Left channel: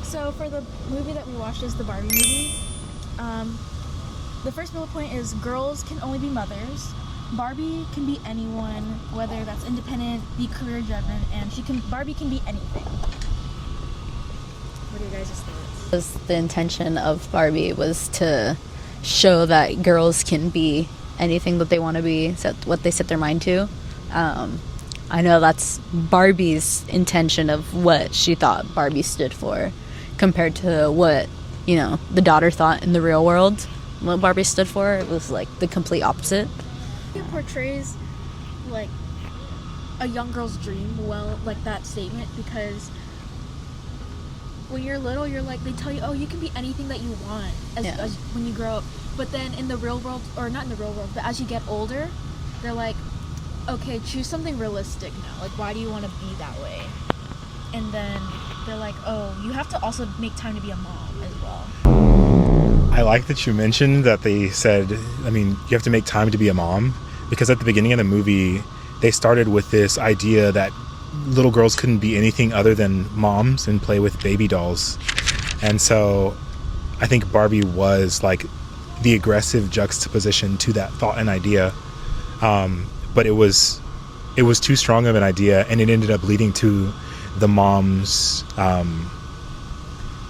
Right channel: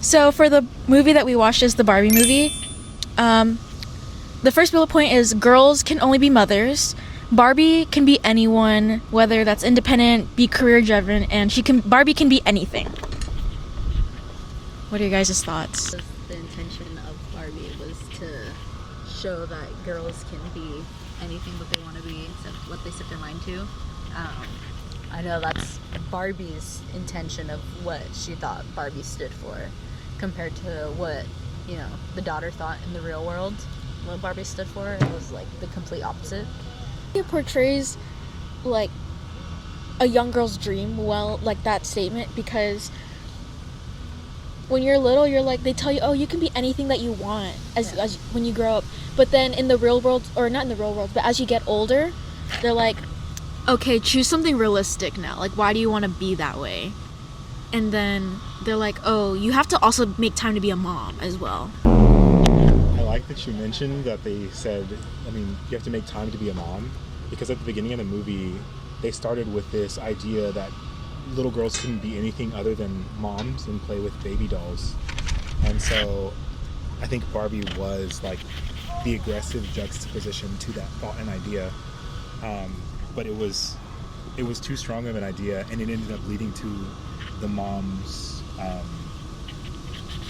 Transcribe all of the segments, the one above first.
So for the movie that we watched is the Barbie movie. The first bullet point is girls can only be mothers. Barbie can be anyone, whether that's independent, be career driven, and Barbie can be anything. What are your guys' thoughts? The intention of Barbie was to show that girls can be anything that they want to be, what they set their mind to. I know that's Barbie's intention of what she thought Barbie stood for, compared to what, the daughter thought in the real world. What Barbie stood for, it was like the complete opposite. It portrays like a young girl's dream well, like that statement, because when you're little, you're like, they tell you, oh, you can be anything that you want as when you grow up. But then in the real world, or not in the real world, but as you get older, they're like, okay, choose something realistic now. Like, why do you want to be that way? And then they're like, oh, you have to also make time to be a mom as well. I like that you mentioned that they said, you have to make time to be a mom, because at the beginning of the movie, they started with this idea that little girls couldn't be anything other than moms and play with baby dolls. And so I think Barbie was like the aggressive juxtaposition to that thought and idea. But it was too strong of an idea, and it ended up leading to the mom's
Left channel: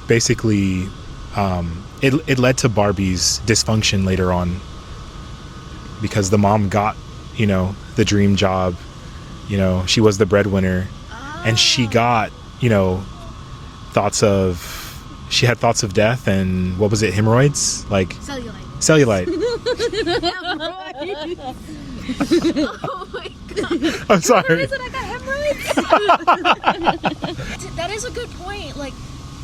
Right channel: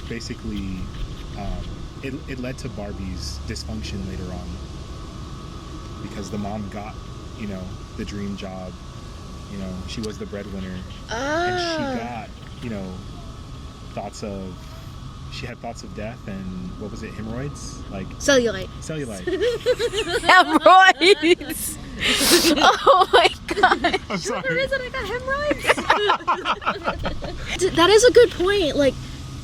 basically it led to Barbie's dysfunction later on, because the mom got the dream job, she was the breadwinner, and she got she had thoughts of death, and what was it, hemorrhoids, like cellulite Hemorrhoids. Oh my god, I'm sorry. The reason I got hemorrhoids. That is a good point. Like,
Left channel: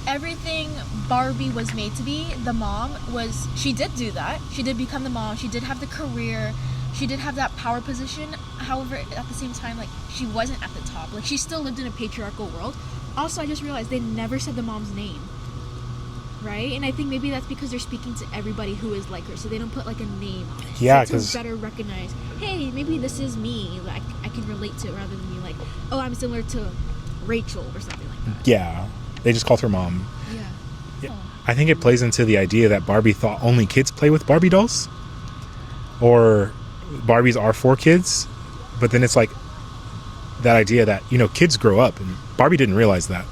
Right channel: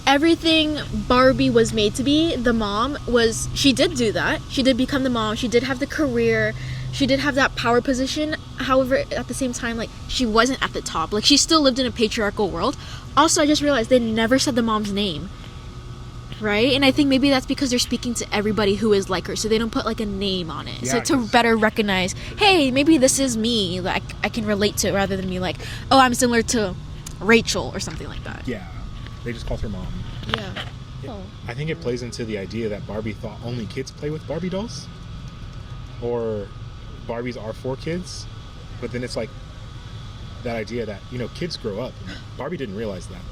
everything Barbie was made to be, the mom was, she did do that. She did become the mom. She did have the career. She did have that power position. However, at the same time, like, she wasn't at the top. Like, she still lived in a patriarchal world. Also, I just realized they never said the mom's name. Right? And I think maybe that's because they're speaking to everybody who is like her, so they don't put like a name on it. Yeah, so to better recognize, hey, maybe this is me. Like, I can relate to it, rather than me like, oh, I'm similar to Rachel or something like that. Yeah. They just called her mom. Yeah. Oh. I think it plays into the idea that Barbie thought only kids play with Barbie dolls, or Barbies are for kids. But then it's like that idea that, kids grow up, and Barbie didn't realize that.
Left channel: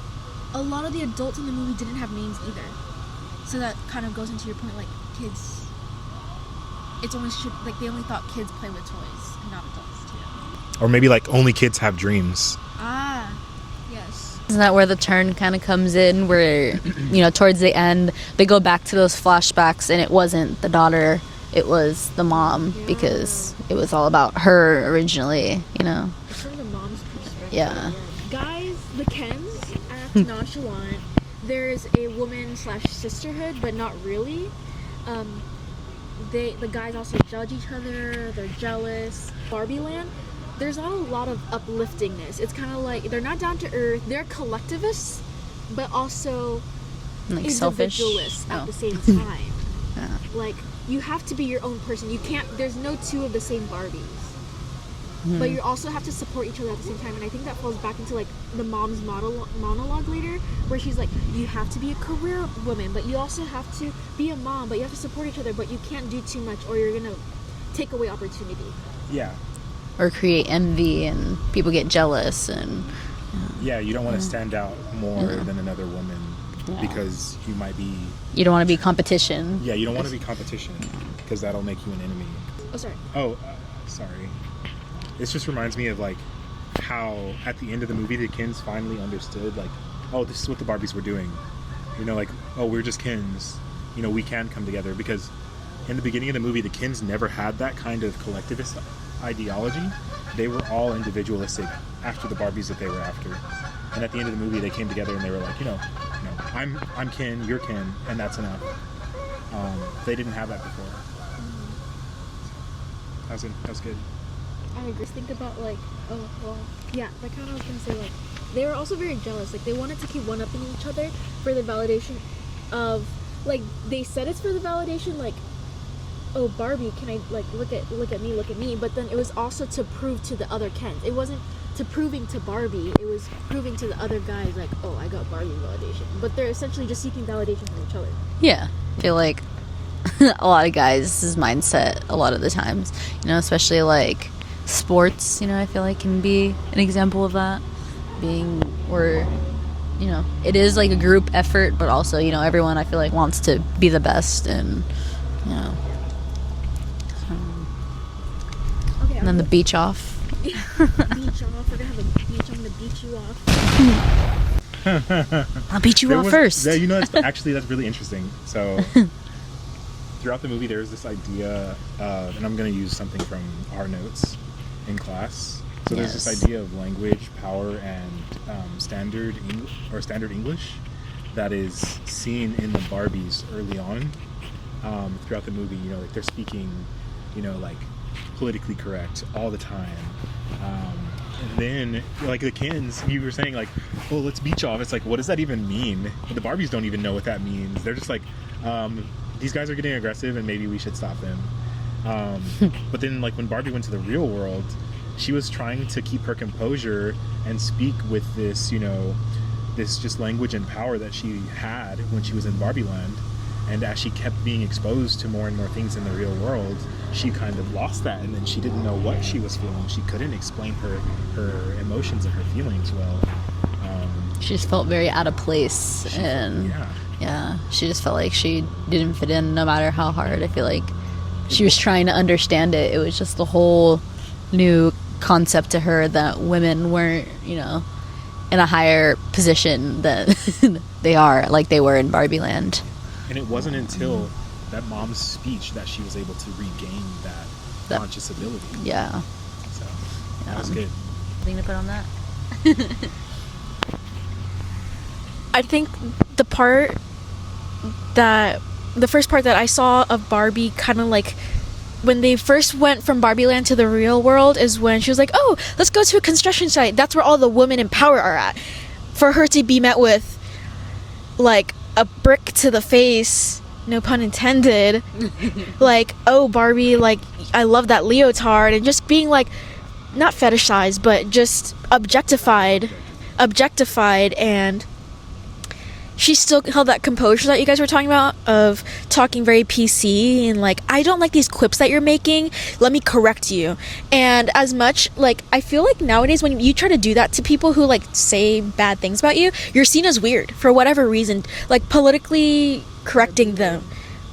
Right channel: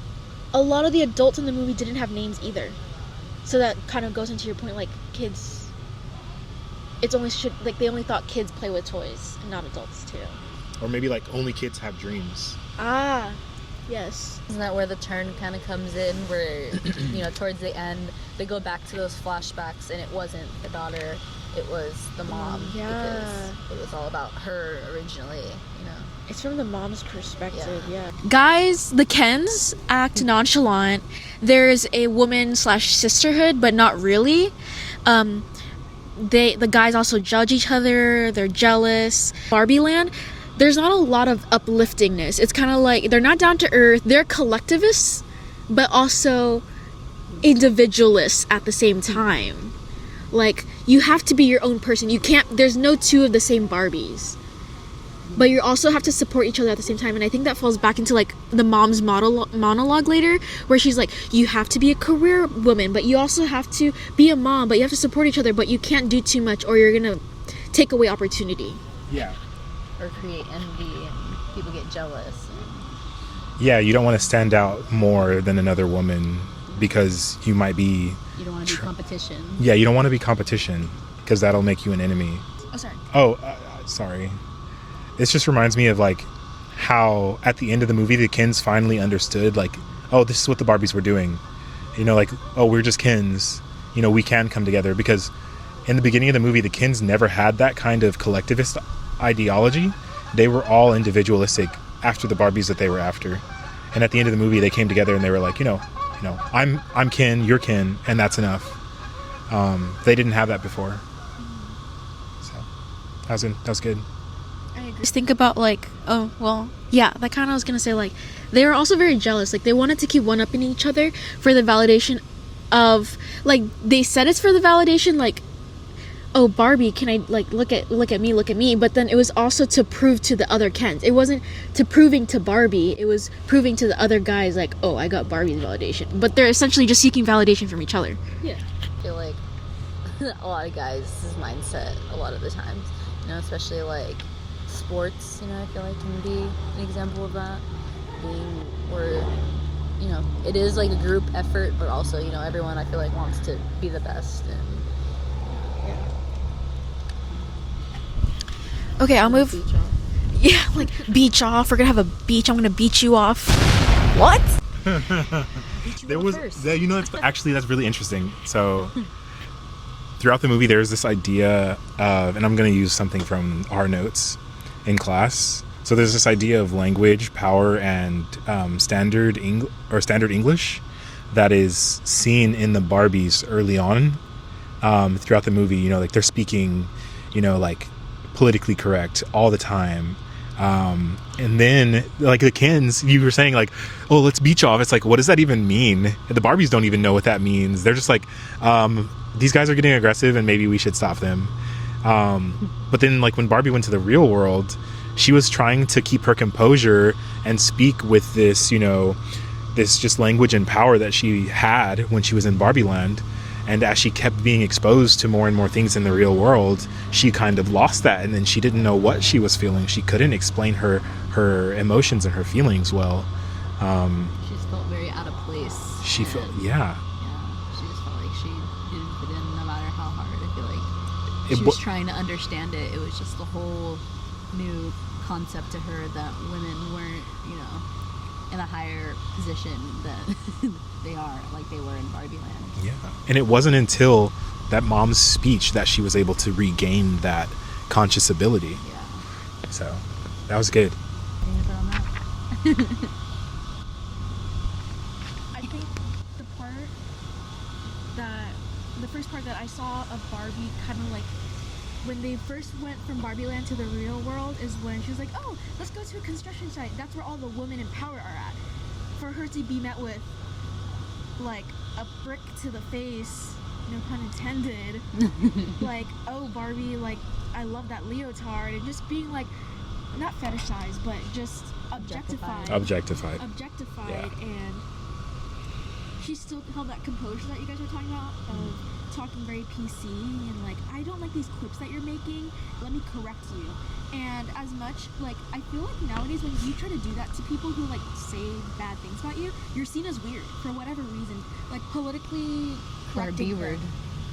A lot of the adults in the movie didn't have names either. So that kind of goes into your point, like, kids, they only thought kids play with toys, and not adults too. Or maybe like only kids have dreams. Ah, yes. Isn't that where the turn kind of comes in, where, towards the end, they go back to those flashbacks, and it wasn't the daughter, it was the mom, because it was all about her originally, It's from the mom's perspective. Yeah. Guys, the Kens act nonchalant. There's a woman/sisterhood, but not really. The guys also judge each other. They're jealous. Barbie Land, there's not a lot of upliftingness. It's kind of like they're not down to earth. They're collectivists, but also like individualists at the same time. Like, you have to be your own person. You can't. There's no two of the same Barbies. But you also have to support each other at the same time. And I think that falls back into like the mom's monologue later, where she's like, you have to be a career woman, but you also have to be a mom, but you have to support each other, but you can't do too much or you're gonna take away opportunity. Yeah. Or create envy, and people get jealous, and Yeah, you don't want to stand out more than another woman, because you might be... You don't want to be competition. Yeah, you don't want to be competition, because that'll make you an enemy. Oh, sorry. Sorry. This just reminds me of like how at the end of the movie the Kens finally understood, like, oh, this is what the Barbies were doing. Like, oh, we're just Kens. We can come together, because in the beginning of the movie the Kens never had that kind of collectivist ideology. They were all individualistic after the Barbies that they were after. And at the end of the movie they came together and they were like, I'm Ken, you're Ken, and that's enough. They didn't have that before. So that was good. I agree. Just think about like, that kind of, I was gonna say, like, they were also very jealous. Like, they wanted to keep one-upping each other for the validation of, like, they said it's for the validation, like, oh, Barbie, can I, like, look at me, but then it was also to prove to the other Kens. It wasn't to proving to Barbie, it was proving to the other guys, like, oh, I got Barbie's validation. But they're essentially just seeking validation from each other. Yeah, I feel like a lot of guys' mindset a lot of the times, you know, especially like sports, you know, I feel like can be an example of that, being where, you know, it is like a group effort, but also, you know, everyone I feel like wants to be the best, and you know. Okay, I'll move. Beach off. Yeah, beach off. We're gonna have a beach. I'm gonna beat you off. What? I'll beat you off first. You know, actually, that's really interesting. So, throughout the movie, there's this idea of, and I'm going to use something from our notes in class. So there's this idea of language, power, and standard English that is seen in the Barbies early on throughout the movie. You know, like they're speaking, you know, like politically correct all the time. And then like the Kens, you were saying like, oh, let's beach off. It's like, what does that even mean? The Barbies don't even know what that means. They're just like, these guys are getting aggressive and maybe we should stop them. But then like when Barbie went to the real world, she was trying to keep her composure and speak with this, you know, this just language and power that she had when she was in Barbie Land. And as she kept being exposed to more and more things in the real world, she kind of lost that, and then she didn't know what she was feeling. She couldn't explain her emotions and her feelings well. She just felt very out of place. Yeah, she just felt like she didn't fit in no matter how hard. I feel like she was trying to understand it. It was just a whole new concept to her that women weren't, you know, in a higher position than they are, like they were in Barbie Land. Yeah. And it wasn't until that mom's speech that she was able to regain that conscious ability. Yeah. So that was good. Anything to put on that? I think the first part that I saw of Barbie kind of like when they first went from Barbie Land to the real world is when she was like, oh, let's go to a construction site. That's where all the women in power are at. For her to be met with like a brick to the face, no pun intended, like, oh, Barbie, like, I love that leotard, and just being like, not fetishized, but just objectified, and she still held that composure that you guys were talking about, of talking very PC and like, I don't like these quips that you're making, let me correct you. And as much, like, I feel like nowadays when you try to do that to people who like say bad things about you, you're seen as weird for whatever reason, like politically correcting them.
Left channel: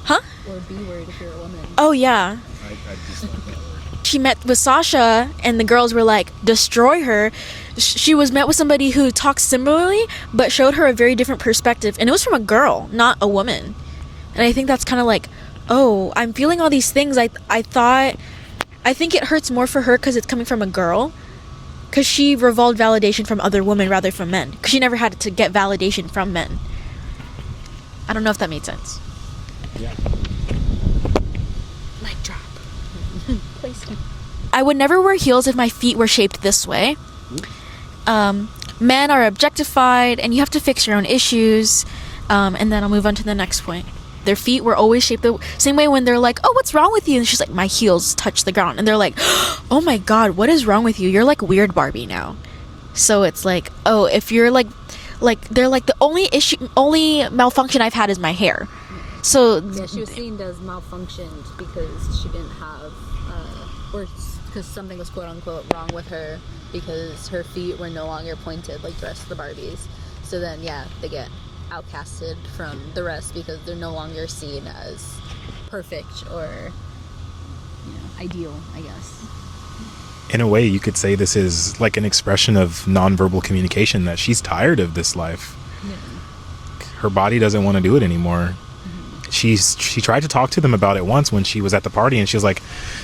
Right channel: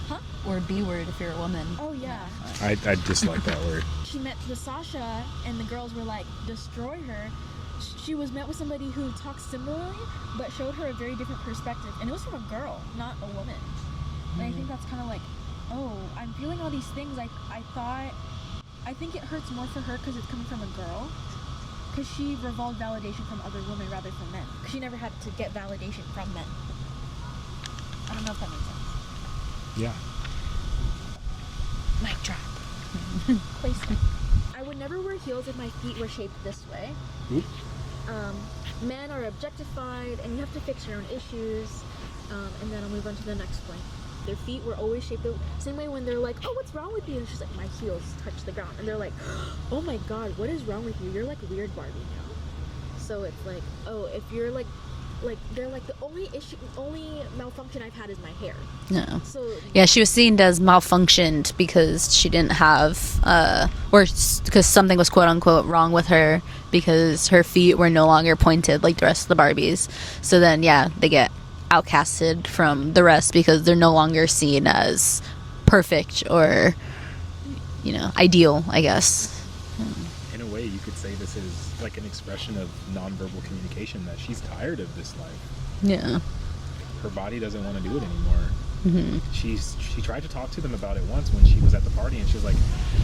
Huh? Or B-word if you're a woman. Oh yeah, I dislike that word. she met with Sasha and the girls were like, destroy her. She was met with somebody who talked similarly but showed her a very different perspective, and it was from a girl, not a woman. And I think that's kind of like, oh, I'm feeling all these things. I think it hurts more for her because it's coming from a girl, because she revolved validation from other women rather from men, because she never had to get validation from men. I don't know if that made sense. Yeah. Mic drop. I would never wear heels if my feet were shaped this way. Men are objectified, and you have to fix your own issues. And then I'll move on to the next point. Their feet were always shaped the same way when they're like, oh, what's wrong with you? And she's like, my heels touch the ground. And they're like, oh my God, what is wrong with you? You're like weird Barbie now. So it's like, oh, if you're like they're like, the only malfunction I've had is my hair. No. So yeah, she was seen as malfunctioned because she didn't have, or because something was quote unquote wrong with her, because her feet were no longer pointed like the rest of the Barbies. So then, yeah, they get outcasted from the rest because they're no longer seen as perfect or, you know, ideal, I guess. In a way, you could say this is like an expression of nonverbal communication, that she's tired of this life. Yeah. Her body doesn't want to do it anymore. Mm-hmm. She tried to talk to them about it once when she was at the party, and she was like,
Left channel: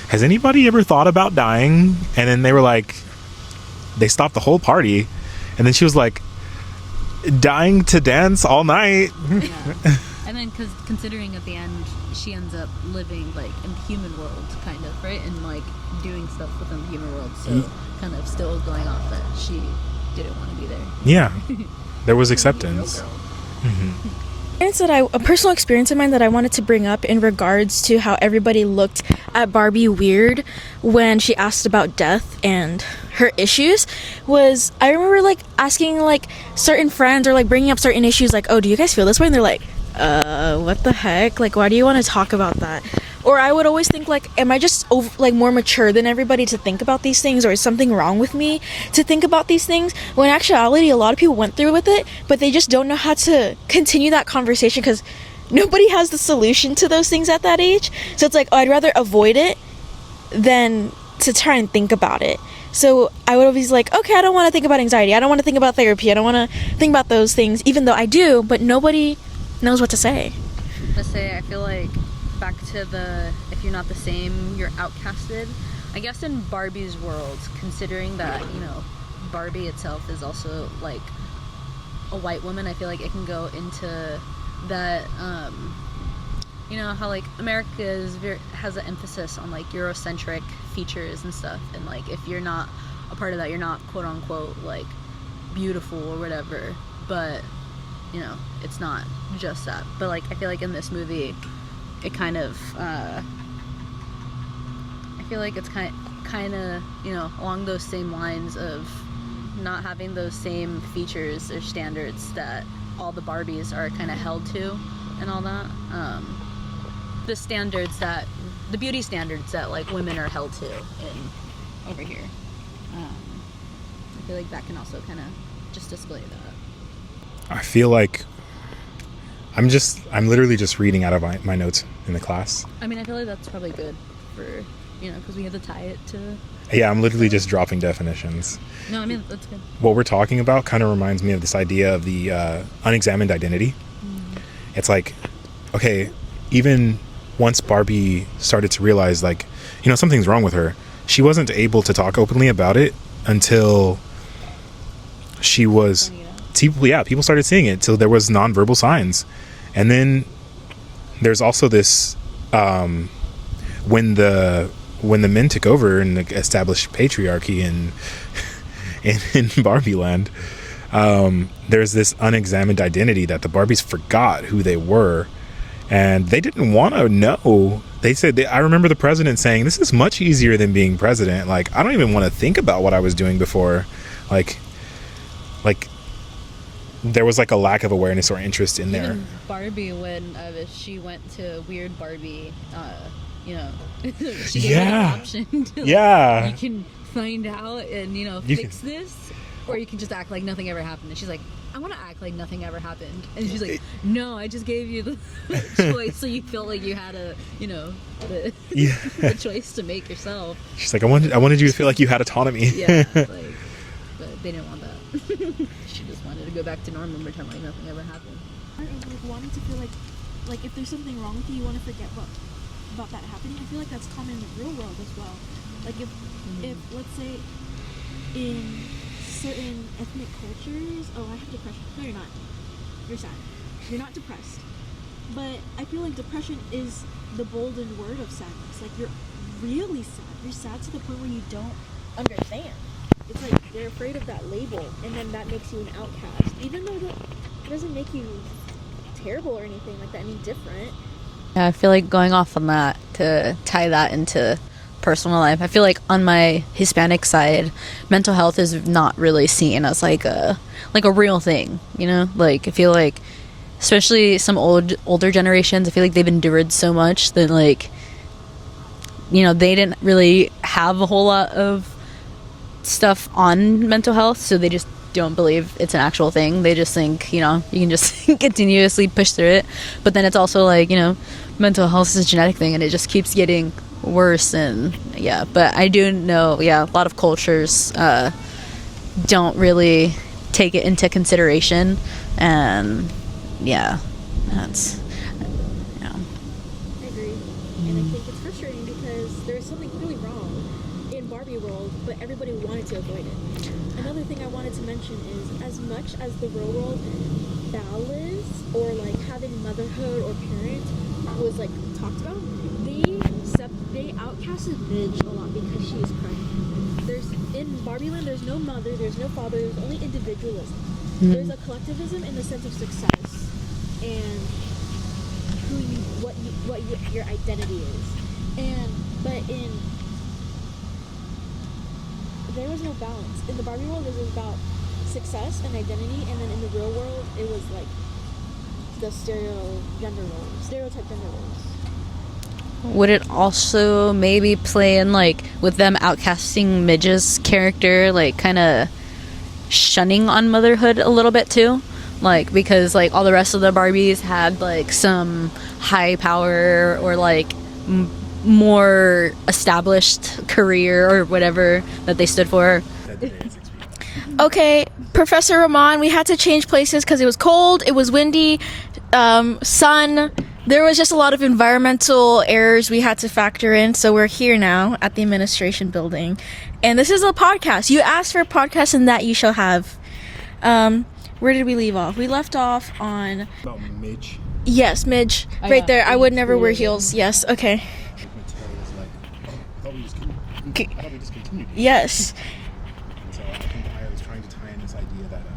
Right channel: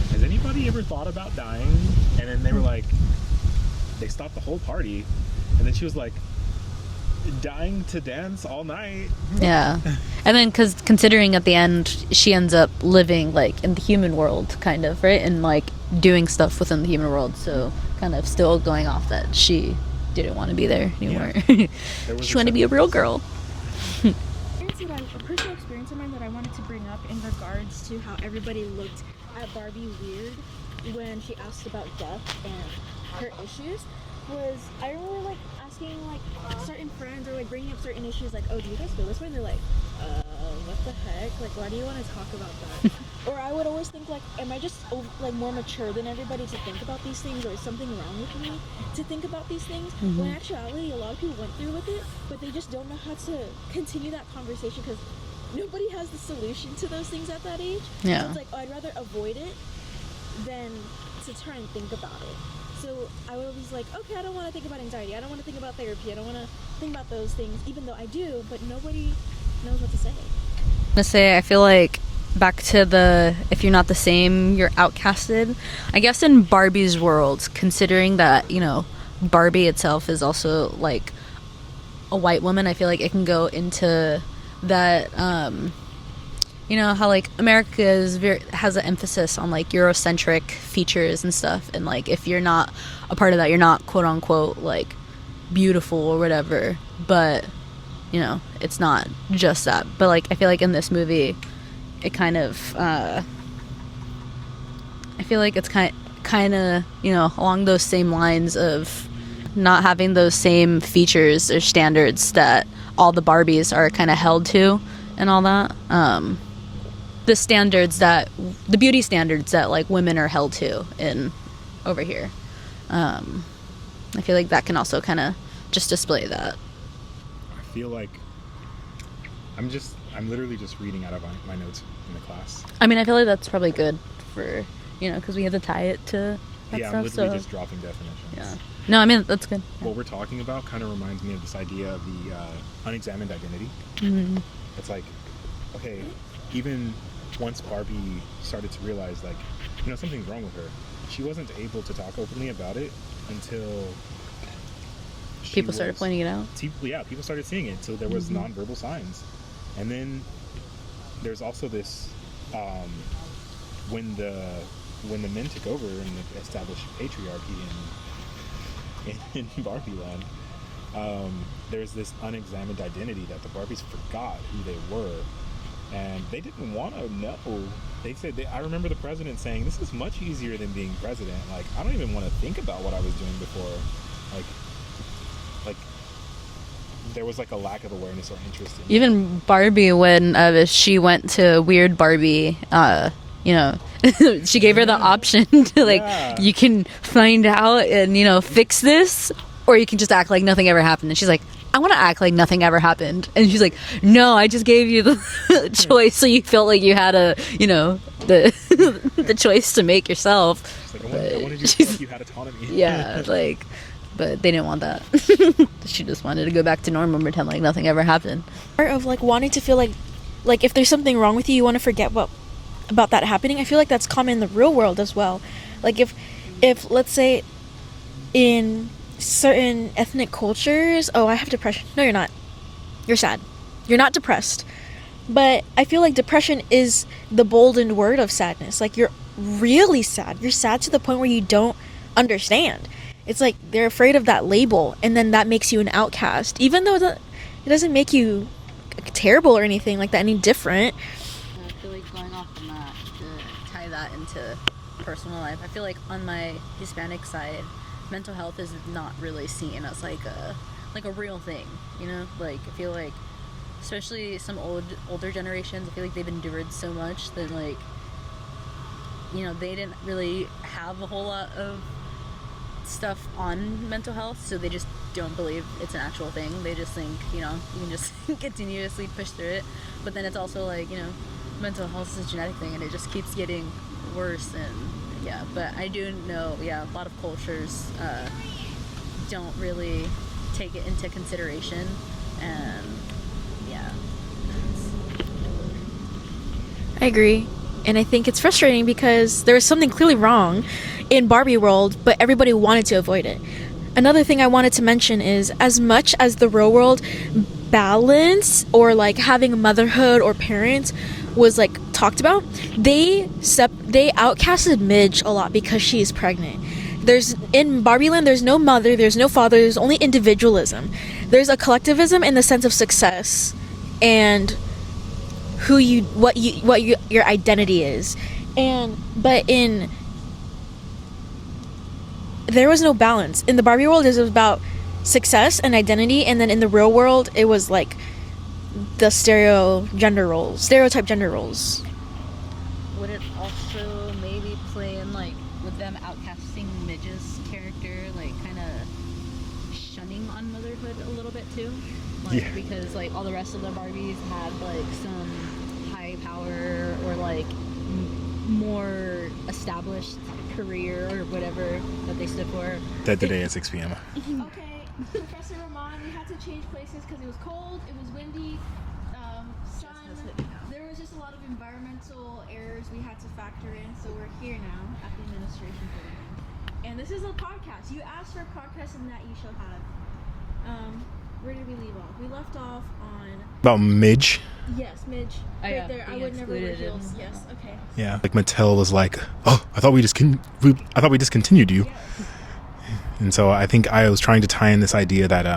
has anybody ever thought about dying? And then they were like, they stopped the whole party, and then she was like, dying to dance all night. Yeah. And then because considering at the end she ends up living like in the human world, kind of, right, and like doing stuff within the human world, so kind of still going off that she didn't want to be there anymore. Yeah. There was she acceptance. She wanted to be a real girl. Mm-hmm. A personal experience of mine that I wanted to bring up in regards to how everybody looked at Barbie weird when she asked about death and her issues was, I remember like asking like certain friends or like bringing up certain issues like, oh, do you guys feel this way? And they're like, what the heck? Like, why do you want to talk about that? Or I would always think like, am I just more mature than everybody to think about these things, or is something wrong with me to think about these things? When in actuality, a lot of people went through with it, but they just don't know how to continue that conversation because nobody has the solution to those things at that age. Yeah. So it's like, oh, I'd rather avoid it than to try and think about it. So I would always like, okay, I don't want to think about anxiety. I don't want to think about therapy. I don't want to think about those things, even though I do, but nobody knows what to say. I feel like back to the if you're not the same, you're outcasted. I guess in Barbie's world, considering that, you know, Barbie itself is also like a white woman, I feel like it can go into that, you know, how like America has an emphasis on like Eurocentric features and stuff, and like if you're not a part of that, you're not quote unquote like beautiful or whatever. But you know, it's not just that. But like I feel like in this movie, it kind of I feel like it's kind of, you know, along those same lines of not having those same features or standards that all the Barbies are kind of held to and all that. The beauty standards that like women are held to in over here. I feel like that can also kind of just display that. I feel like I'm literally just reading out of my notes in the class. I mean, I feel like that's probably good for, you know, because we have to tie it to... Yeah, I'm literally just dropping definitions. Yeah. No, I mean, that's good. What we're talking about kind of reminds me of this idea of the unexamined identity. Mm-hmm. It's like, okay, even once Barbie started to realize, like, you know, something's wrong with her, she wasn't able to talk openly about it until... People started seeing it. So there was nonverbal signs. And then there's also this when the men took over and established patriarchy in Barbie land, there's this unexamined identity that the Barbies forgot who they were, and they didn't want to know. They said, I remember the president saying, this is much easier than being president. Like, I don't even want to think about what I was doing before. Like there was like a lack of awareness or interest in even there. Barbie, when she went to Weird Barbie, you know, she gave her the option to like, you can find out and, you know, fix this, or you can just act like nothing ever happened. And she's like, I want to act like nothing ever happened. And she's like, no, I just gave you the choice, so you felt like you had the choice to make yourself. She's like, I wanted you to feel like you had autonomy. Yeah, like, but they didn't want that. She just wanted to go back to normal and pretend like nothing ever happened. Part of like wanting to feel like if there's something wrong with you, you want to forget about that happening. I feel like that's common in the real world as well. Like if let's say in certain ethnic cultures, oh, I have depression. No, you're not. You're sad. You're not depressed. But I feel like depression is the boldened word of sadness. Like, you're really sad. You're sad to the point where you don't understand. It's like they're afraid of that label, and then that makes you an outcast. Even though it doesn't make you terrible or anything like that, any different. Yeah, I feel like going off on that, to tie that into personal life, I feel like on my Hispanic side, mental health is not really seen as like a real thing, you know? Like, I feel like especially some older generations, I feel like they've endured so much that, like, you know, they didn't really have a whole lot of stuff on mental health, so they just don't believe it's an actual thing. They just think, you know, you can just continuously push through it. But then it's also like, you know, mental health is a genetic thing, and it just keeps getting worse. And yeah, but I do know, yeah, a lot of cultures don't really take it into consideration, and yeah, that's, you know. I agree. And I think it's frustrating because there was something clearly wrong in Barbie world, but everybody wanted to avoid it. Another thing I wanted to mention is, as much as the real world balance or like having motherhood or parents was like talked about, they outcasted Midge a lot because she's pregnant. In Barbie land, there's no mother, there's no father, there's only individualism. Mm-hmm. There's a collectivism in the sense of success and your identity is. There was no balance. In the Barbie world, it was about success and identity, and then in the real world, it was like the stereotype gender roles. Would it also maybe play in, like, with them outcasting Midge's character, like, kind of shunning on motherhood a little bit too? Like, because, like, all the rest of the Barbies had, like, some high power or, like, more established career or whatever that they stood for. That today at 6 p.m. Okay, Professor Ramon, we had to change places because it was cold, it was windy, sun. There was just a lot of environmental errors we had to factor in, so we're here now at the administration building. And this is a podcast. You asked for a podcast, and that you shall have. Where did we leave off? We left off on... About Midge. Yes, Midge. Oh, right yeah. there. I would never wear heels. Yes, okay. Yeah, like Mattel was like, oh, I thought we discontinued you. Yes. And so I think I was trying to tie in this idea that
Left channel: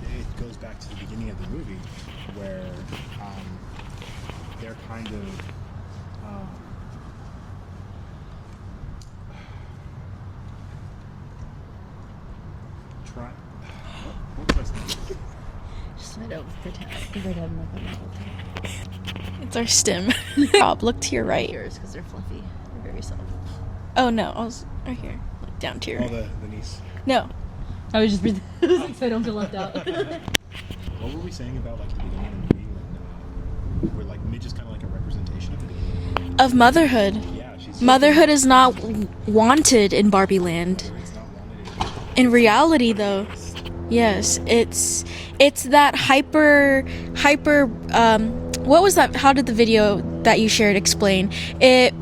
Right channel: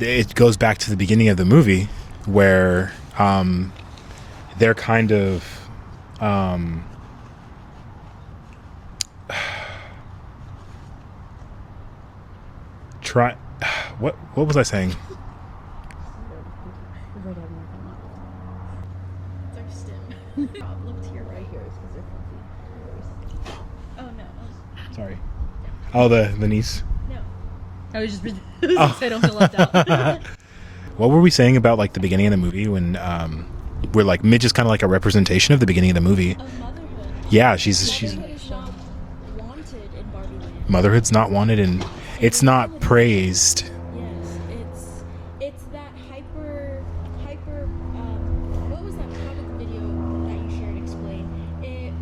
it goes back to the beginning of the movie where they're kind of what was I saying? It's our stem. Rob, look to your right. Because they're fluffy. They're very soft. Oh, no. I was right Sorry. here. Look down to your Oh, the niece. No. I was just so I don't feel left out. What were we saying about like the beginning of the movie when we're like Midge is kind of like a representation of the beginning of the movie? Of motherhood. Yeah, Motherhood is not wanted in Barbie Land. Motherhood's not wanted and In it's reality, not though. praised. Yes, it's that hyper what was that? How did the video that you shared explain? It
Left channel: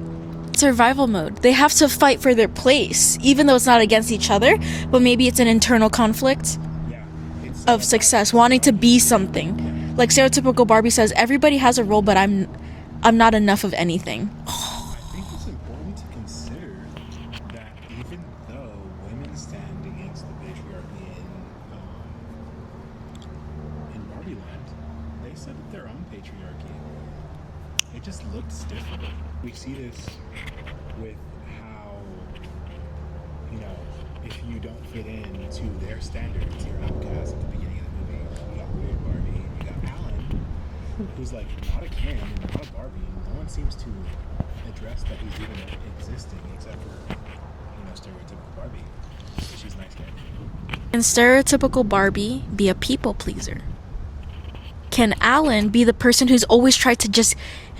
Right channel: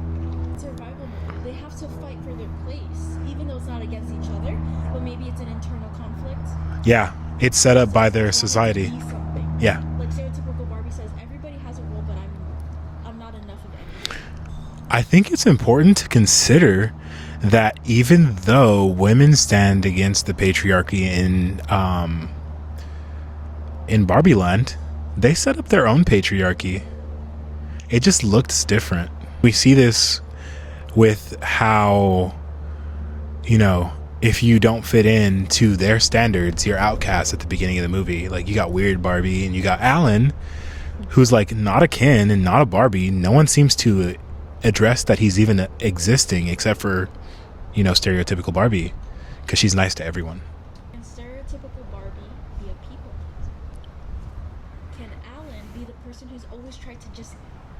survival mode. They have to fight for their place, even though it's not against each other, but maybe it's an internal conflict Yeah, it's set of up by their success, society. wanting to be something. Yeah. Like stereotypical Barbie says, everybody has a role, but I'm not enough of anything. I think it's important to consider that even though women stand against the patriarchy in Barbie Land, they set up their own patriarchy. It just looks different. We see this with how, you know, if you don't fit in to their standards, you're outcast at the beginning of the movie. Like, you got Weird Barbie and you got Alan, who's like not a Ken and not a Barbie. No one seems to address that he's even existing except for, you know, stereotypical Barbie, because she's nice to everyone. Can stereotypical Barbie be a people pleaser? Can Alan be the person who's always tried to just...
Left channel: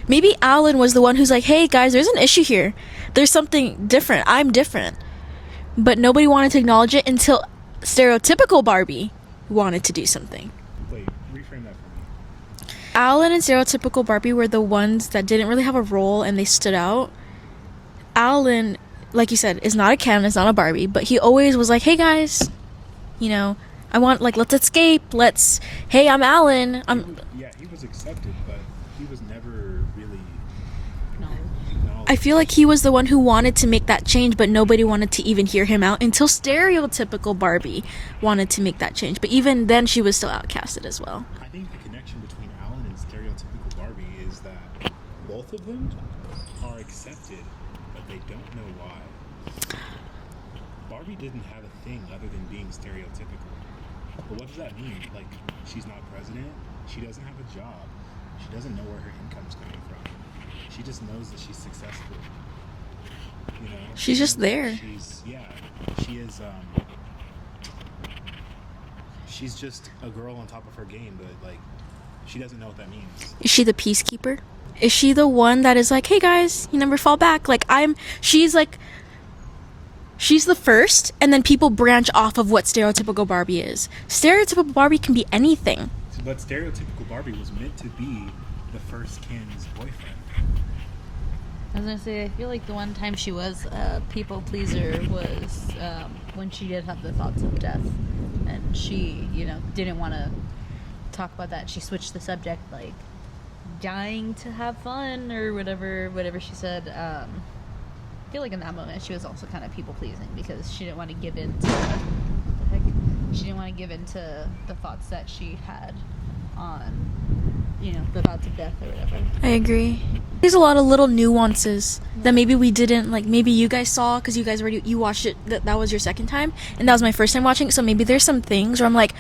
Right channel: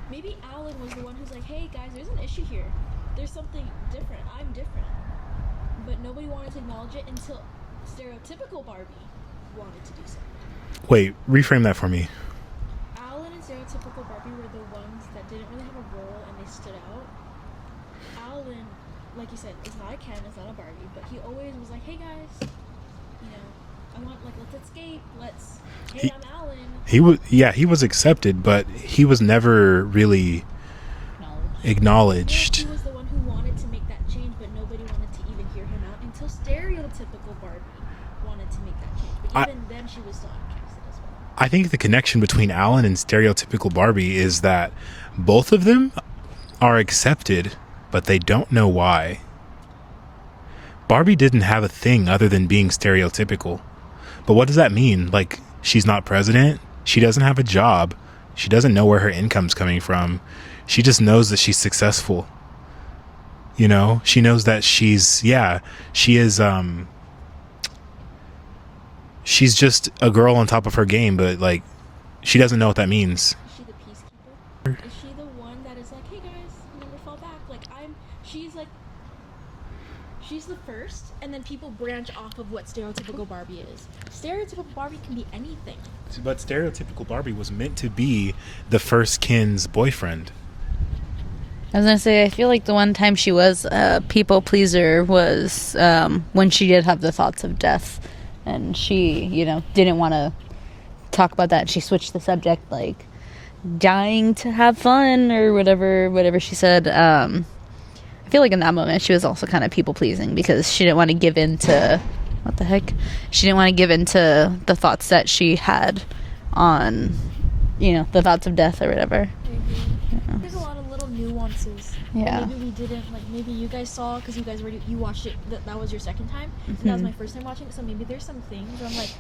Maybe Alan was the one who's like, hey guys, there's an issue here. There's something different. I'm different. But nobody wanted to acknowledge it until stereotypical Barbie wanted to do something. Wait, reframe that for me. Alan and stereotypical Barbie were the ones that didn't really have a role and they stood out. Alan, like you said, is not a Ken, is not a Barbie, but he always was like, hey guys, you know, I want, like, let's escape, hey, I'm Alan. He was accepted, but he was never really acknowledged. I feel like he was the one who wanted to make that change, but nobody wanted to even hear him out until stereotypical Barbie wanted to make that change. But even then, she was still outcasted as well. I think the connection between Alan and stereotypical Barbie is that both of them are accepted, but they don't know why. Barbie didn't have a thing other than being stereotypical. But what does that mean? Like, she's not president? She doesn't have a job. She doesn't know where her income's coming from. She just knows that she's successful. You know? She knows that she's just a girl on top of her game, but, like, she doesn't know what that means. Is she the peacekeeper? Is she the one that is like, hey guys, you never fall back? Like, she's the first, and then people branch off of what stereotypical Barbie is. Stereotypical Barbie can be anything. But stereotypical Barbie was meant to be the first Ken's boyfriend. I was gonna say, I feel like the one time she was a people pleaser was when she did have the thoughts of death, and she, you know, didn't want to talk about that. She switched the subject, like dying to have fun or whatever she said. I feel like in that moment she was also kind of people pleasing because she didn't want to give in to she didn't want to give in to the thoughts that she had on, you know, the thoughts of death or whatever. I agree. There's a lot of little nuances Yeah. that maybe we didn't, like, maybe you guys saw because you guys already, you watched it, that was your second time, and that was my first time watching it, so maybe there's some things where I'm like,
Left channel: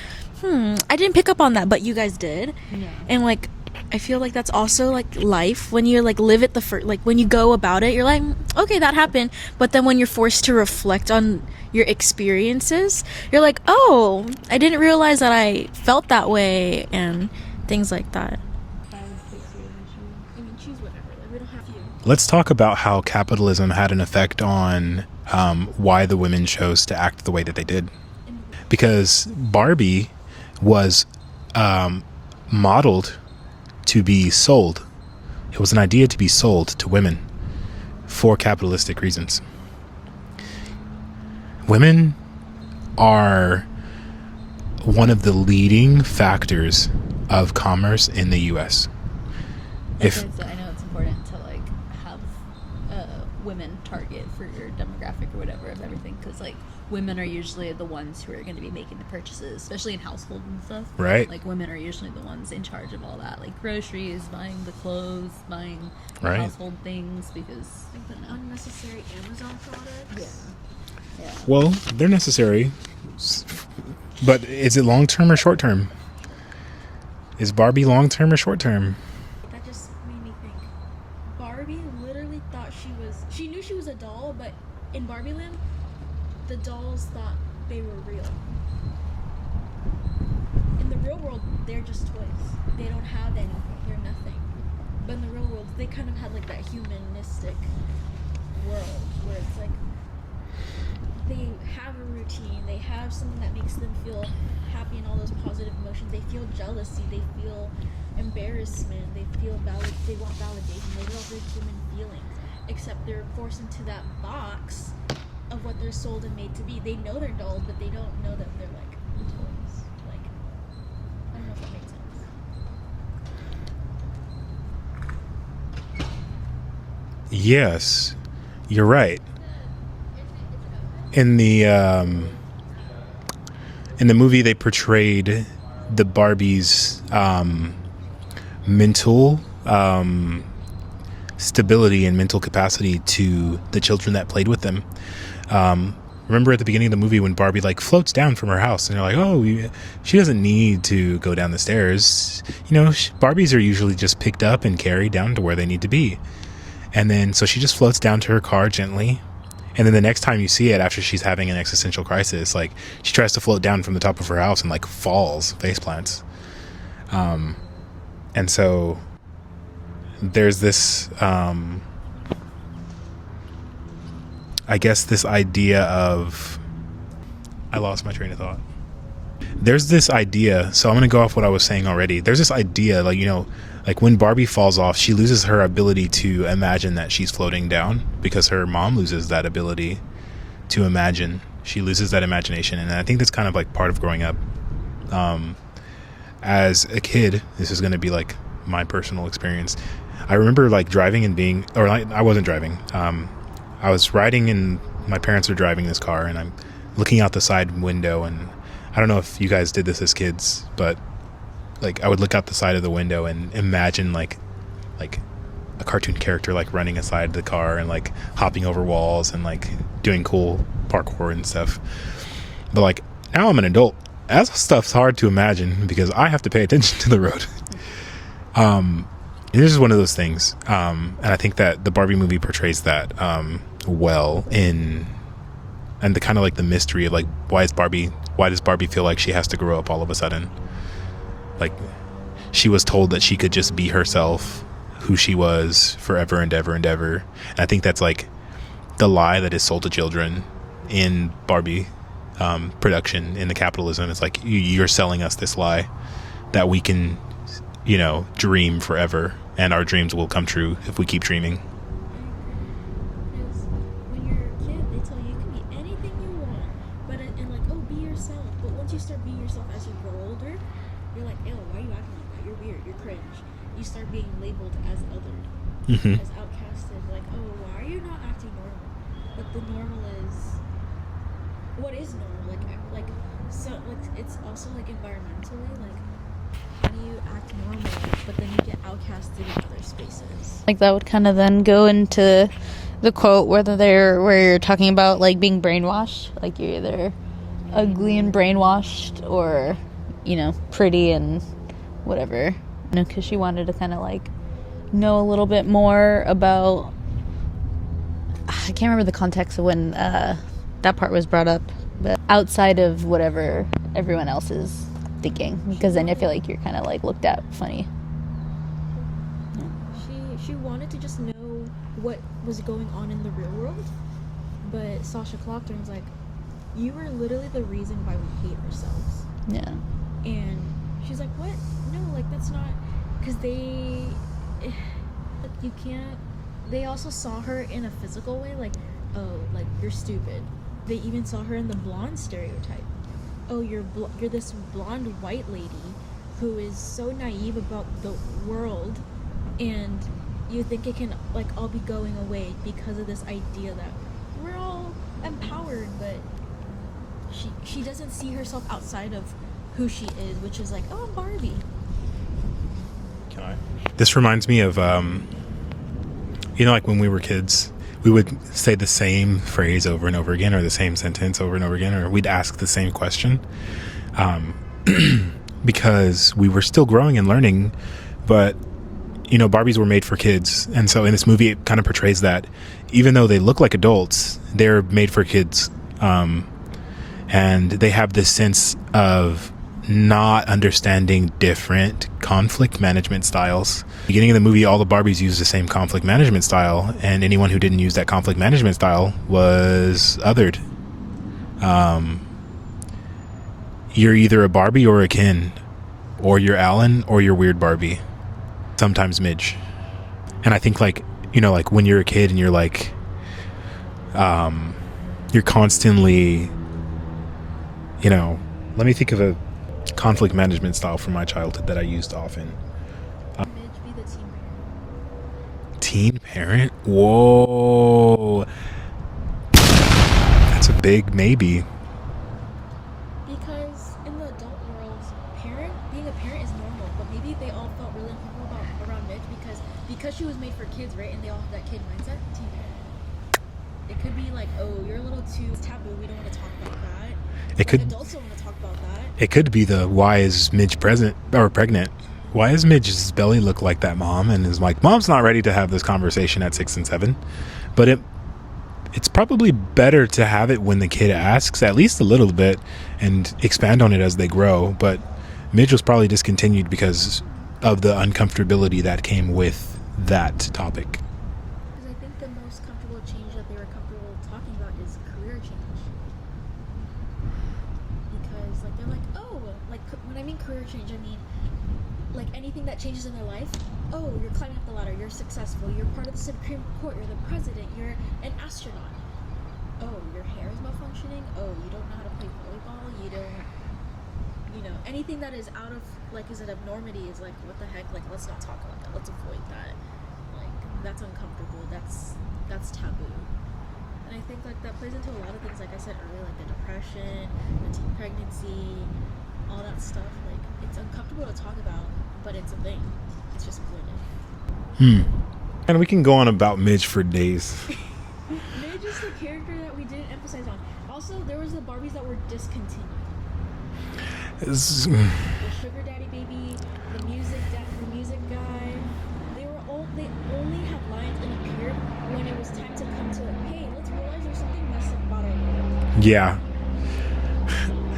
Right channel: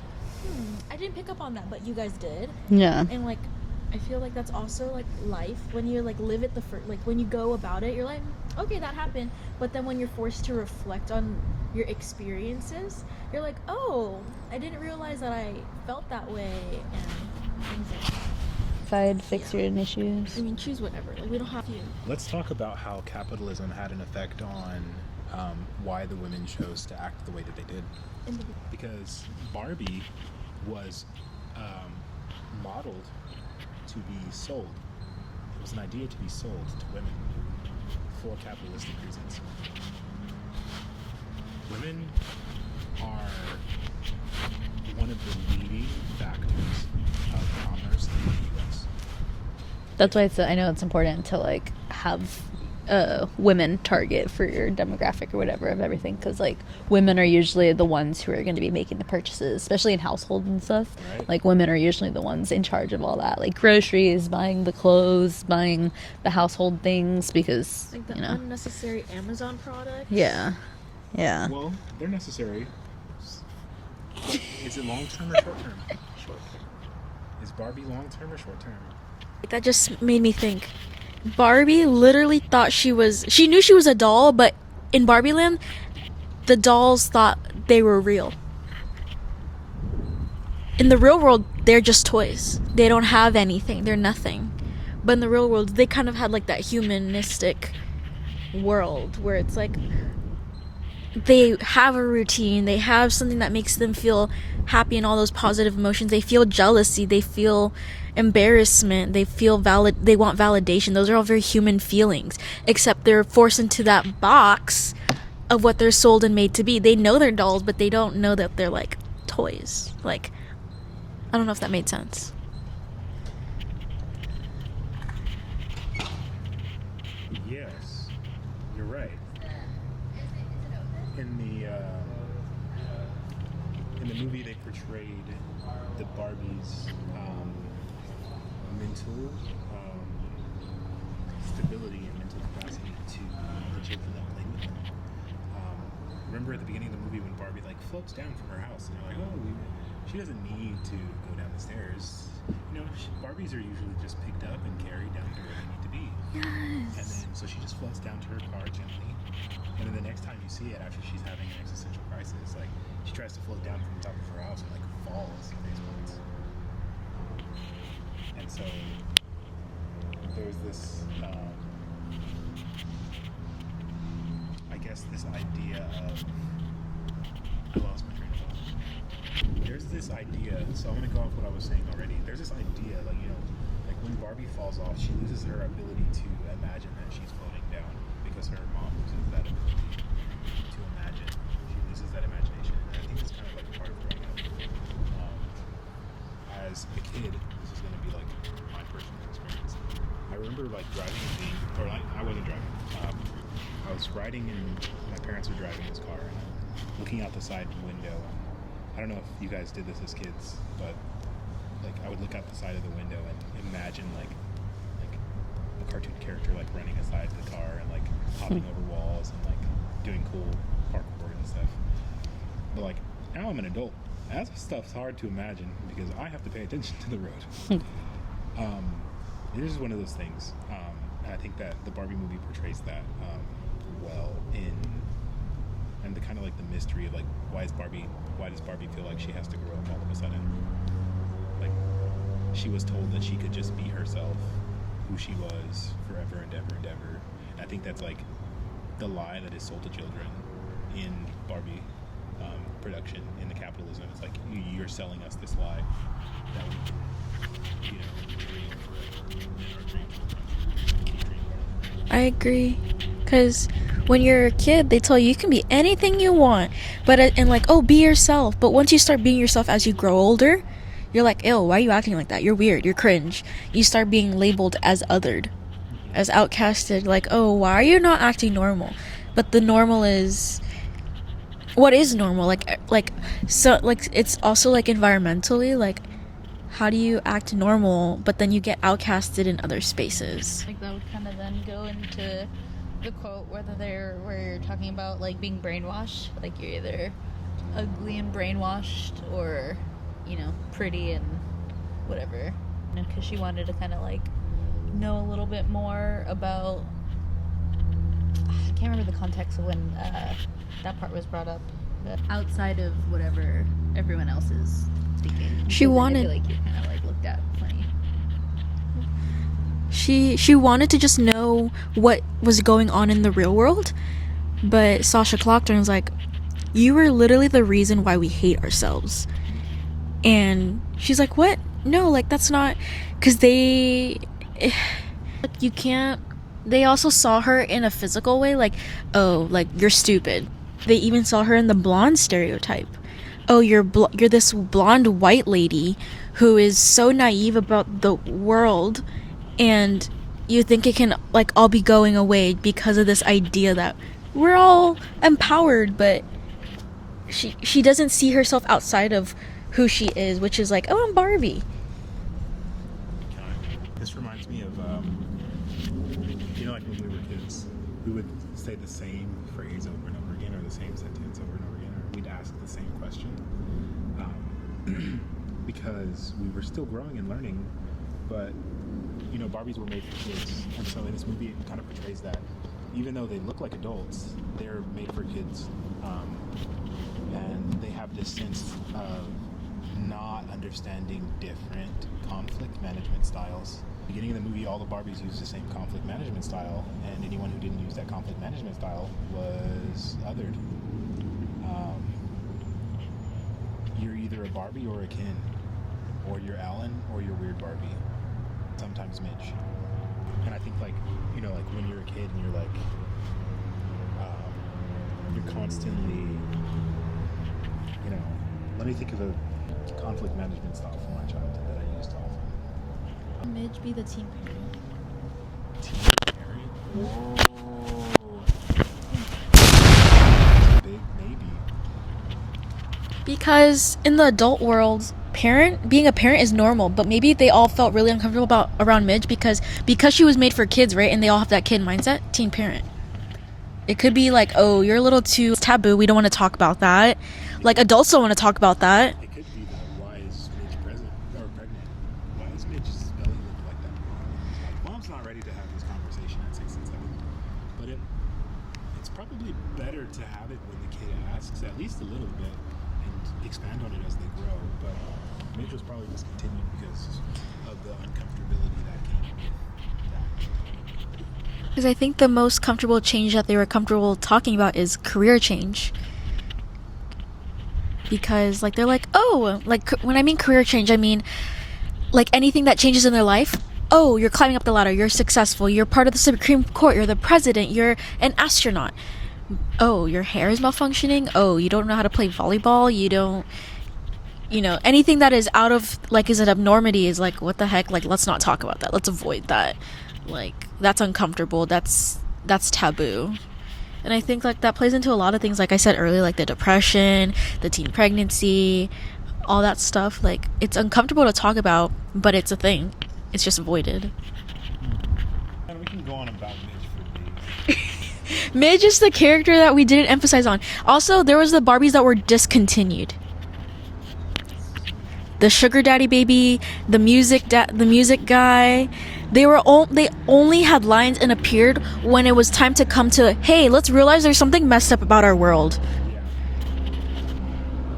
I didn't pick up on that, but you guys did. Yeah. And, like, I feel like that's also, like, life. When you, like, live it like, when you go about it, you're like, okay, that happened. But then when you're forced to reflect on your experiences, you're like, oh, I didn't realize that I felt that way, and things like that. Fix certain issues. I mean, choose whatever. Like, we don't have to. Let's talk about how capitalism had an effect on why the women chose to act the way that they did. Because Barbie was modeled to be sold. It was an idea to be sold to women for capitalistic reasons. Women are one of the leading factors of commerce in the U.S. That's why I know it's important to, like, have women target for your demographic or whatever of everything, because, like, women are usually the ones who are going to be making the purchases, especially in household and stuff. Right. Like, women are usually the ones in charge of all that, like groceries, buying the clothes, buying the household things, because, Like the you know, unnecessary Amazon product. yeah. Well, they're necessary, but is it long-term or short-term? Is Barbie long-term or short-term? That just made me think. Barbie literally thought she knew she was a doll, but in Barbie Land, the dolls thought they were real. In the real world, they're just toys. They don't have anything. They're nothing. But in the real world, they kind of had, like, that humanistic world where it's like they have a routine. They have something that makes them feel happy and all those positive emotions. They feel jealousy. They feel embarrassment. They feel they want validation. Those are all very human feelings, except they're forced into that box of what they're sold and made to be. They know they're dolls, but they don't know that they're, like, toys. Like, I don't know if that made sense. Yes, you're right. In the movie, they portrayed the Barbies' mental stability and mental capacity to the children that played with them. Remember at the beginning of the movie when Barbie, like, floats down from her house, and they're like, oh, she doesn't need to go down the stairs. You know, Barbies are usually just picked up and carried down to where they need to be. And then so she just floats down to her car gently. And then the next time you see it, after she's having an existential crisis, like, she tries to float down from the top of her house and, like, falls, face plants. And so there's this, I guess, this idea of, I lost my train of thought. There's this idea, so I'm going to go off what I was saying already. There's this idea, like, you know, like, when Barbie falls off, she loses her ability to imagine that she's floating down because her mom loses that ability to imagine. She loses that imagination, and I think that's kind of, like, part of growing up. As a kid, this is going to be, like, my personal experience. I remember, like, driving and being, or I wasn't driving. I was riding, and my parents are driving this car, and I'm looking out the side window, and I don't know if you guys did this as kids, but, like, I would look out the side of the window and imagine, like a cartoon character, like, running aside the car and, like, hopping over walls and, like, doing cool parkour and stuff. But, like, now I'm an adult. That stuff's hard to imagine because I have to pay attention to the road. This is one of those things, and I think that the Barbie movie portrays that well and the kind of, like, the mystery of, like, why does Barbie feel like she has to grow up all of a sudden? Like, she was told that she could just be herself, who she was, forever and ever and ever. And I think that's, like, the lie that is sold to children in Barbie production, in the capitalism. It's like, you're selling us this lie that we can, you know, dream forever, and our dreams will come true if we keep dreaming. I agree, because when you're a kid, they tell you you can be anything you want, but and, like, oh, be yourself. But once you start being yourself as you grow older, you're like, ew, why are you acting like that? You're weird. You're cringe. You start being labeled as othered, as outcasted. Like, oh, why are you not acting normal? But the normal is, what is normal? Like so, like, it's also, like, environmentally, like, how do you act normal, but then you get outcasted in other spaces? Like, that would kind of then go into the quote where you're talking about, like, being brainwashed. Like, you're either ugly and brainwashed or, you know, pretty and whatever. You know, because she wanted to kind of, like, know a little bit more about... I can't remember the context of when that part was brought up, but outside of whatever everyone else is thinking. Because then I feel like you're kind of, like, looked at funny. She wanted to just know what was going on in the real world, but Sasha clocked her and was like, you were literally the reason why we hate ourselves. Yeah. And she's like, what? No, like, that's not... Because you can't... They also saw her in a physical way, like, oh, like, you're stupid. They even saw her in the blonde stereotype. Oh, you're this blonde white lady who is so naive about the world, and you think it can, like, all be going away because of this idea that we're all empowered, but she doesn't see herself outside of who she is, which is like, oh, I'm Barbie. This reminds me of, you know, like when we were kids, we would say the same phrase over and over again, or the same sentence over and over again, or we'd ask the same question, because we were still growing and learning. But, you know, Barbies were made for kids. And so in this movie, it kind of portrays that even though they look like adults, they're made for kids. And they have this sense of not understanding different conflict management styles. Beginning of the movie, all the Barbies use the same conflict management style, and anyone who didn't use that conflict management style was othered. You're either a Barbie or a Ken, or you're Alan or you're Weird Barbie. Sometimes Midge. And I think, like, you know, like when you're a kid and you're like, you're constantly, you know, let me think of a conflict management style from my childhood that I used often. Midge be the team parent. Team parent? Whoa. That's a big maybe. Because in the adult world, being a parent is normal, but maybe they all felt really uncomfortable around Midge because she was made for kids, right? And they all have that kid mindset. Teen parent. It could be like, oh, you're a little too taboo. We don't want to talk about that. Adults don't want to talk about that. It could be why is Midge pregnant? Why does Midge's belly look like that, Mom? And is like, Mom's not ready to have this conversation at 6 and 7. But it's probably better to have it when the kid asks, at least a little bit, and expand on it as they grow. But Midge was probably discontinued because of the uncomfortability that came with that topic. Because I think the most comfortable change that they were comfortable talking about is career change. Because, like, they're like, oh, like, when I mean career change, I mean, like, anything that changes in their life. Oh, you're climbing up the ladder, you're successful, you're part of the Supreme Court, you're the president, you're an astronaut. Oh, your hair is malfunctioning. Oh, you don't know how to play volleyball, you don't, you know, anything that is out of, like, is an abnormity is like, what the heck, like, let's not talk about that, let's avoid that. Like, that's uncomfortable, that's taboo. And I think, like, that plays into a lot of things, like I said earlier, like the depression, the teen pregnancy, all that stuff. Like, it's uncomfortable to talk about, but it's a thing. It's just avoided. And we can go on about Midge for days. Midge is the character that we didn't emphasize on. Also, there was the Barbies that were discontinued. The sugar daddy baby, the music guy. They only had lines and appeared when it was time to come to, hey, let's realize there's something messed up about our world. Yeah.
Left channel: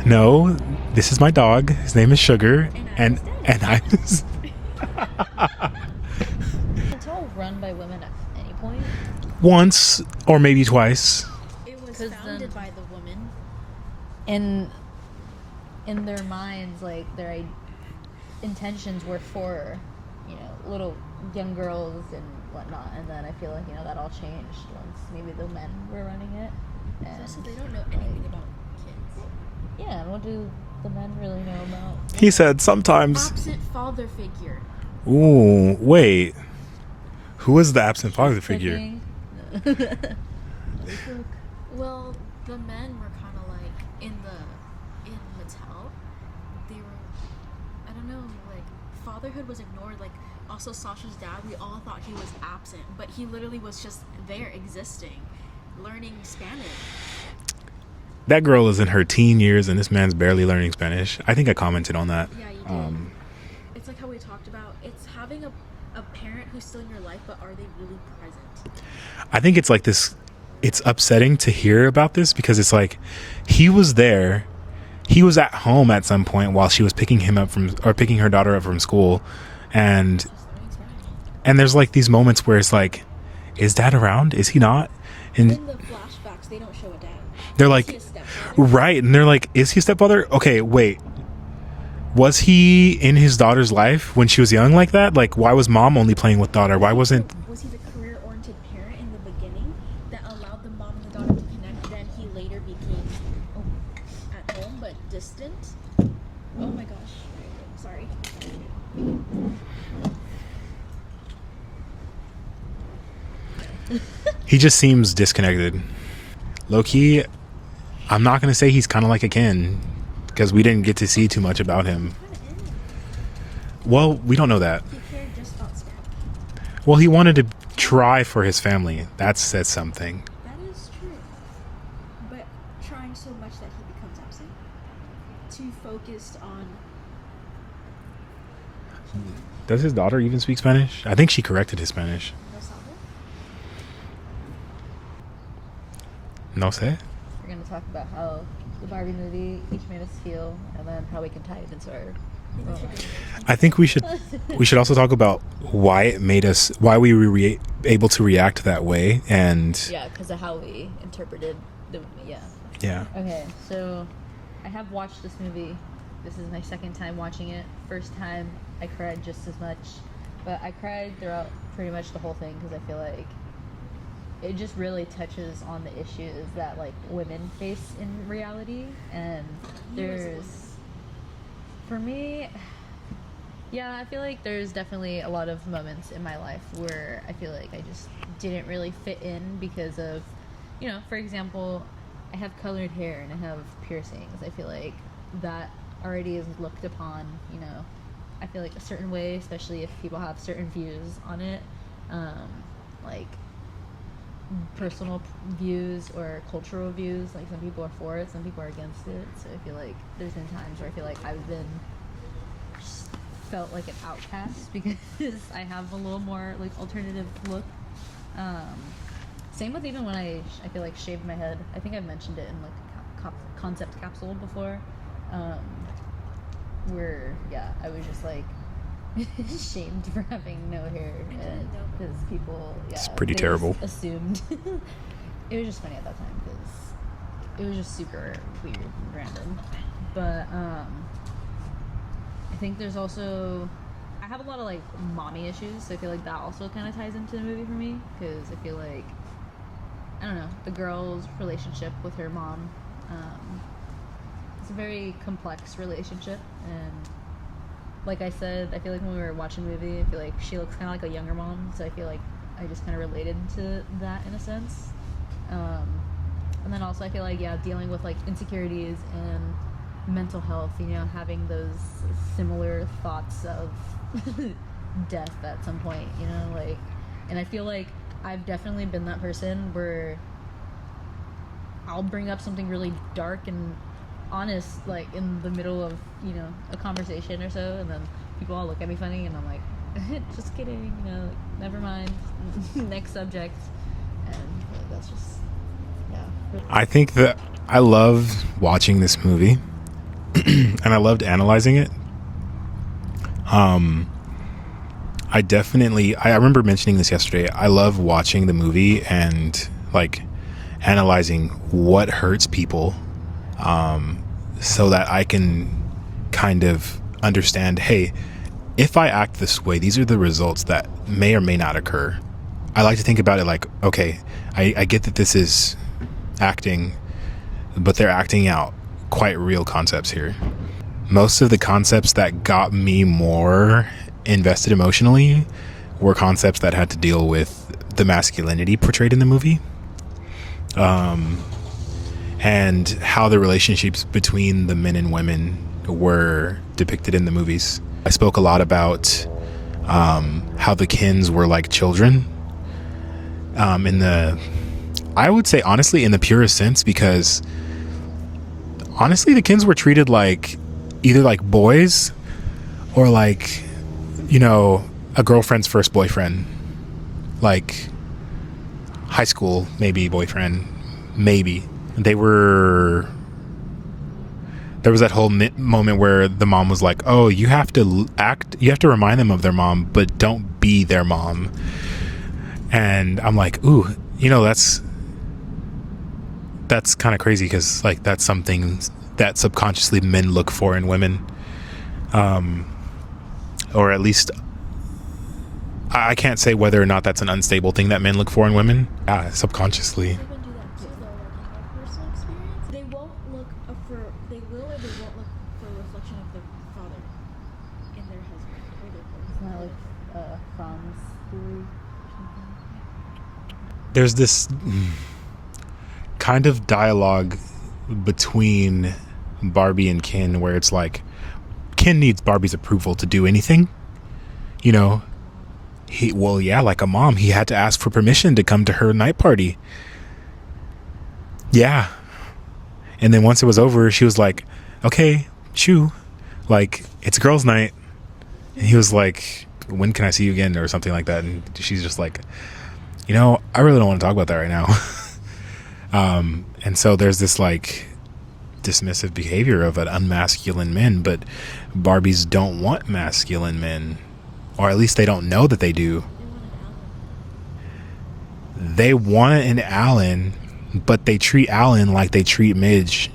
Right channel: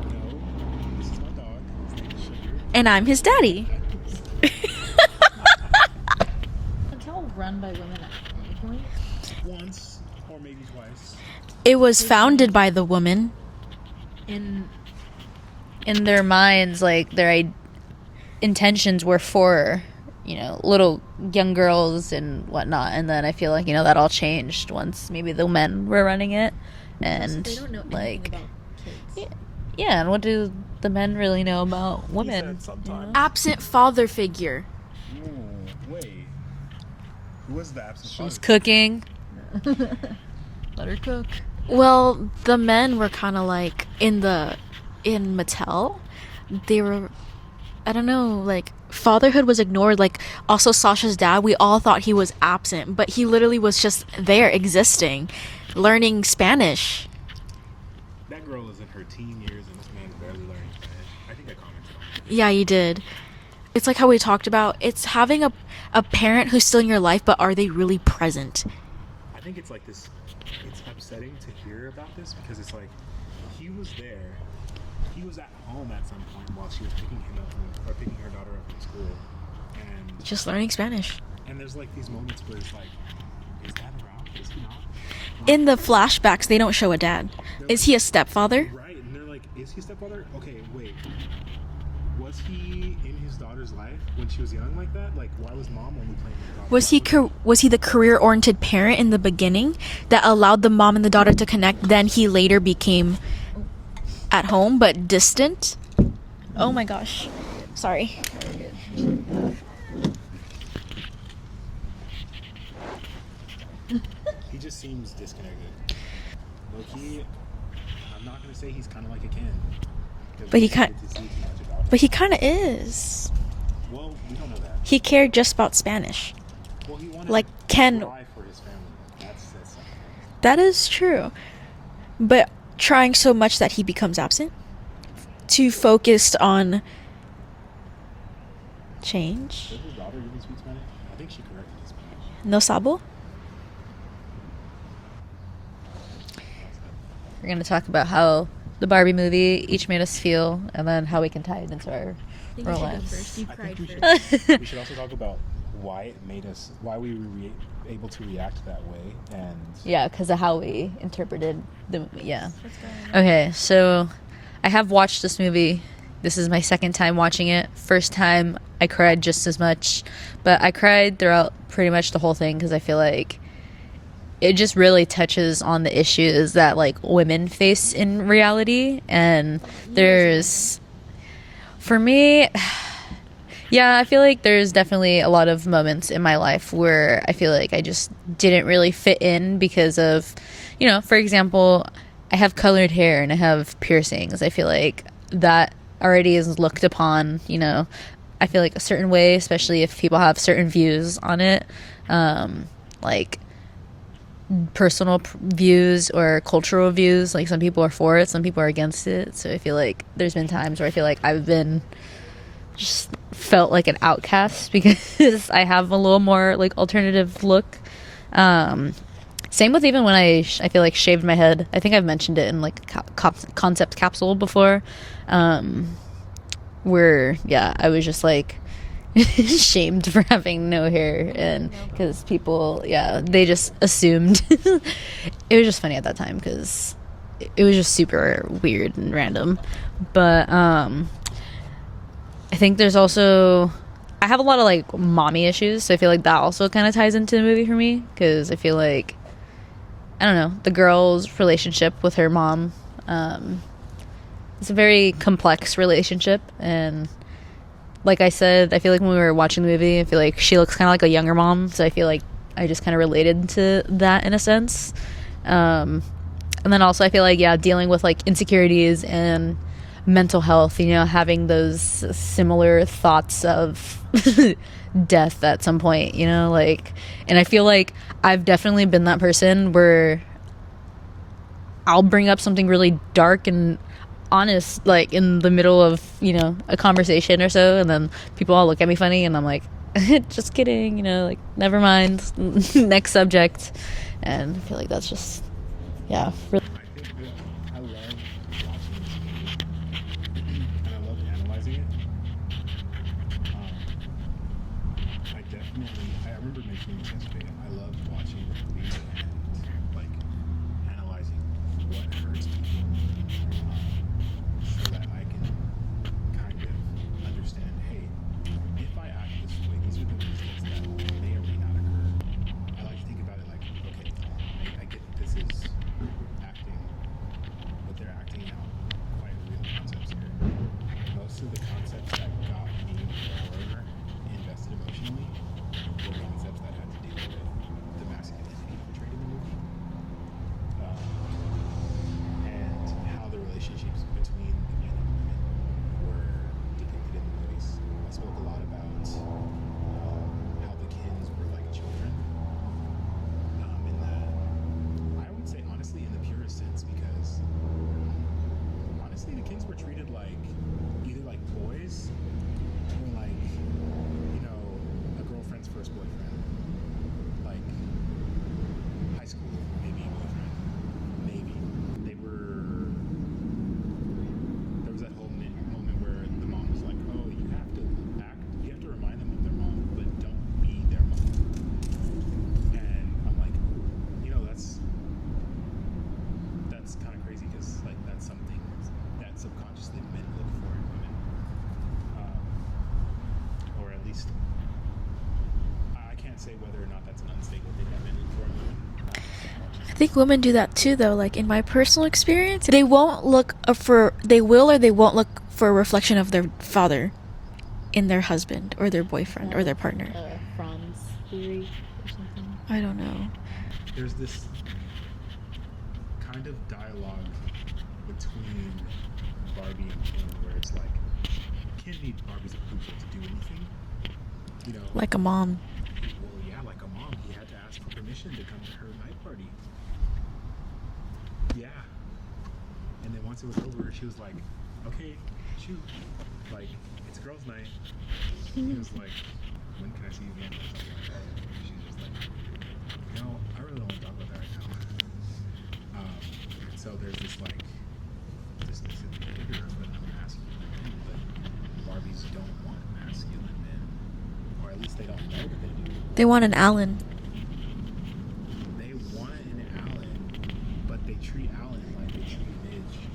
No, this is my dog. His name is Sugar. And I'm his daddy. And I'm his... It's all run by women at any point. Once or maybe twice. It was founded by the woman. In their minds, like, their intentions were for, you know, little young girls and whatnot. And then I feel like, you know, that all changed once maybe the men were running it. And They don't know like, anything about kids. yeah, and what do the men really know about women? He said sometimes. Absent father figure. Ooh, wait. Who was the absent father figure? Cooking. Let her cook. Well, the men were kind of like in Mattel. They were I don't know, like fatherhood was ignored. Like also Sasha's dad, we all thought he was absent, but he literally was just there existing, learning Spanish. That girl is in her teen years and this man's barely learning Spanish. I think I commented on that. Yeah, you did. It's like how we talked about, it's having a parent who's still in your life, but are they really present? I think it's like this, it's upsetting to hear about this because it's like he was there. He was at home at some point while she was picking her daughter up from school and Just learning Spanish. and there's like these moments where it's like, is dad around? Is he not? And In the flashbacks, they don't show a dad. They're Is like- he a stepfather? right, and they're like, is he a stepfather? Okay, wait. Was he in his daughter's life when she was young like that? Like, why was mom only playing with daughter? Why wasn't... Was he the career-oriented parent in the beginning that allowed the mom and the daughter to connect? Then he later became at home but distant. Oh my gosh, sorry. He just seems disconnected. Low-key, I'm not going to say he's kind of like a Ken because we didn't get to see too much about him. But he kind of is. Well, we don't know that. He cared just about Spanish. Well, he wanted Like to Ken- try for his family. That says something. That is true. But trying so much that he becomes absent, too focused on change. Does his daughter even speak Spanish? I think she corrected his Spanish. No sabo? No sé. We're going to talk about how the Barbie movie each made us feel, and then how we can tie it into our lives. I think we should also talk about why we were able to react that way, and Yeah, because of how we interpreted the movie. Yeah. yeah. Okay, so I have watched this movie. This is my second time watching it. First time, I cried just as much, but I cried throughout pretty much the whole thing because I feel like it just really touches on the issues that like women face in reality. And there's, for me, yeah, I feel like there's definitely a lot of moments in my life where I feel like I just didn't really fit in because of, you know, for example, I have colored hair and I have piercings. I feel like that already is looked upon, you know, I feel like a certain way, especially if people have certain views on it, like personal views or cultural views. Like some people are for it, some people are against it. So I feel like there's been times where I feel like I've been just felt like an outcast because I have a little more like alternative look. Same with even when I feel like shaved my head. I think I've mentioned it in like concept capsule before, where yeah, I was just like shamed for having no hair, and because people they terrible. just assumed. It was just funny at that time because it was just super weird and random. But I think there's also, I have a lot of like mommy issues, so I feel like that also kind of ties into the movie for me because I feel like, I don't know, the girl's relationship with her mom, it's a very complex relationship, and like I said, I feel like when we were watching the movie, I feel like she looks kind of like a younger mom, so I feel like I just kind of related to that in a sense. And then also I feel like, yeah, dealing with like insecurities and mental health, you know, having those similar thoughts of death at some point, you know, like, and I feel like I've definitely been that person where I'll bring up something really dark and honest like in the middle of, you know, a conversation or so, and then people all look at me funny and I'm like just kidding, you know, like never mind. Next subject. And I feel like that's just, yeah, really. I think that I loved watching this movie and I loved analyzing it. I remember mentioning this yesterday. I love watching the movie and like analyzing what hurts people, so that I can kind of understand, hey, if I act this way, these are the results that may or may not occur. I like to think about it like, okay, I get that this is acting, but they're acting out quite real concepts here. Most of the concepts that got me more invested emotionally were concepts that had to deal with the masculinity portrayed in the movie, and how the relationships between the men and women were depicted in the movies. I spoke a lot about how the Kins were like children I would say honestly in the purest sense, because honestly the Kins were treated like either like boys or like, you know, a girlfriend's first boyfriend, like high school maybe boyfriend, maybe. There was that whole moment where the mom was like, oh, you have to remind them of their mom, but don't be their mom. And I'm like, ooh, you know, that's kind of crazy, because like that's something that subconsciously men look for in women, or at least I can't say whether or not that's an unstable thing that men look for in women. Subconsciously. I think women do that too, though. Like in my personal experience, they will or they won't look for a reflection of their father in their husband or their boyfriend or their partner. Franz theory or something. I don't know. There's this kind of dialogue between Barbie and Ken where it's like Ken needs Barbie's approval to do anything, you know, like a mom. Like a mom. He had to ask for permission to come to her night party. Yeah. And then once it was over, she was like, okay, shoo, like it's girls' night. And he was like, when can I see you again, or something like that. And she's just like, you know, I really don't want to talk about that right now. And so there's this like dismissive behavior of an unmasculine men, but Barbies don't want masculine men, or at least they don't know that they do. They want an Alan. They want an Alan, but they treat Alan like they treat Midge.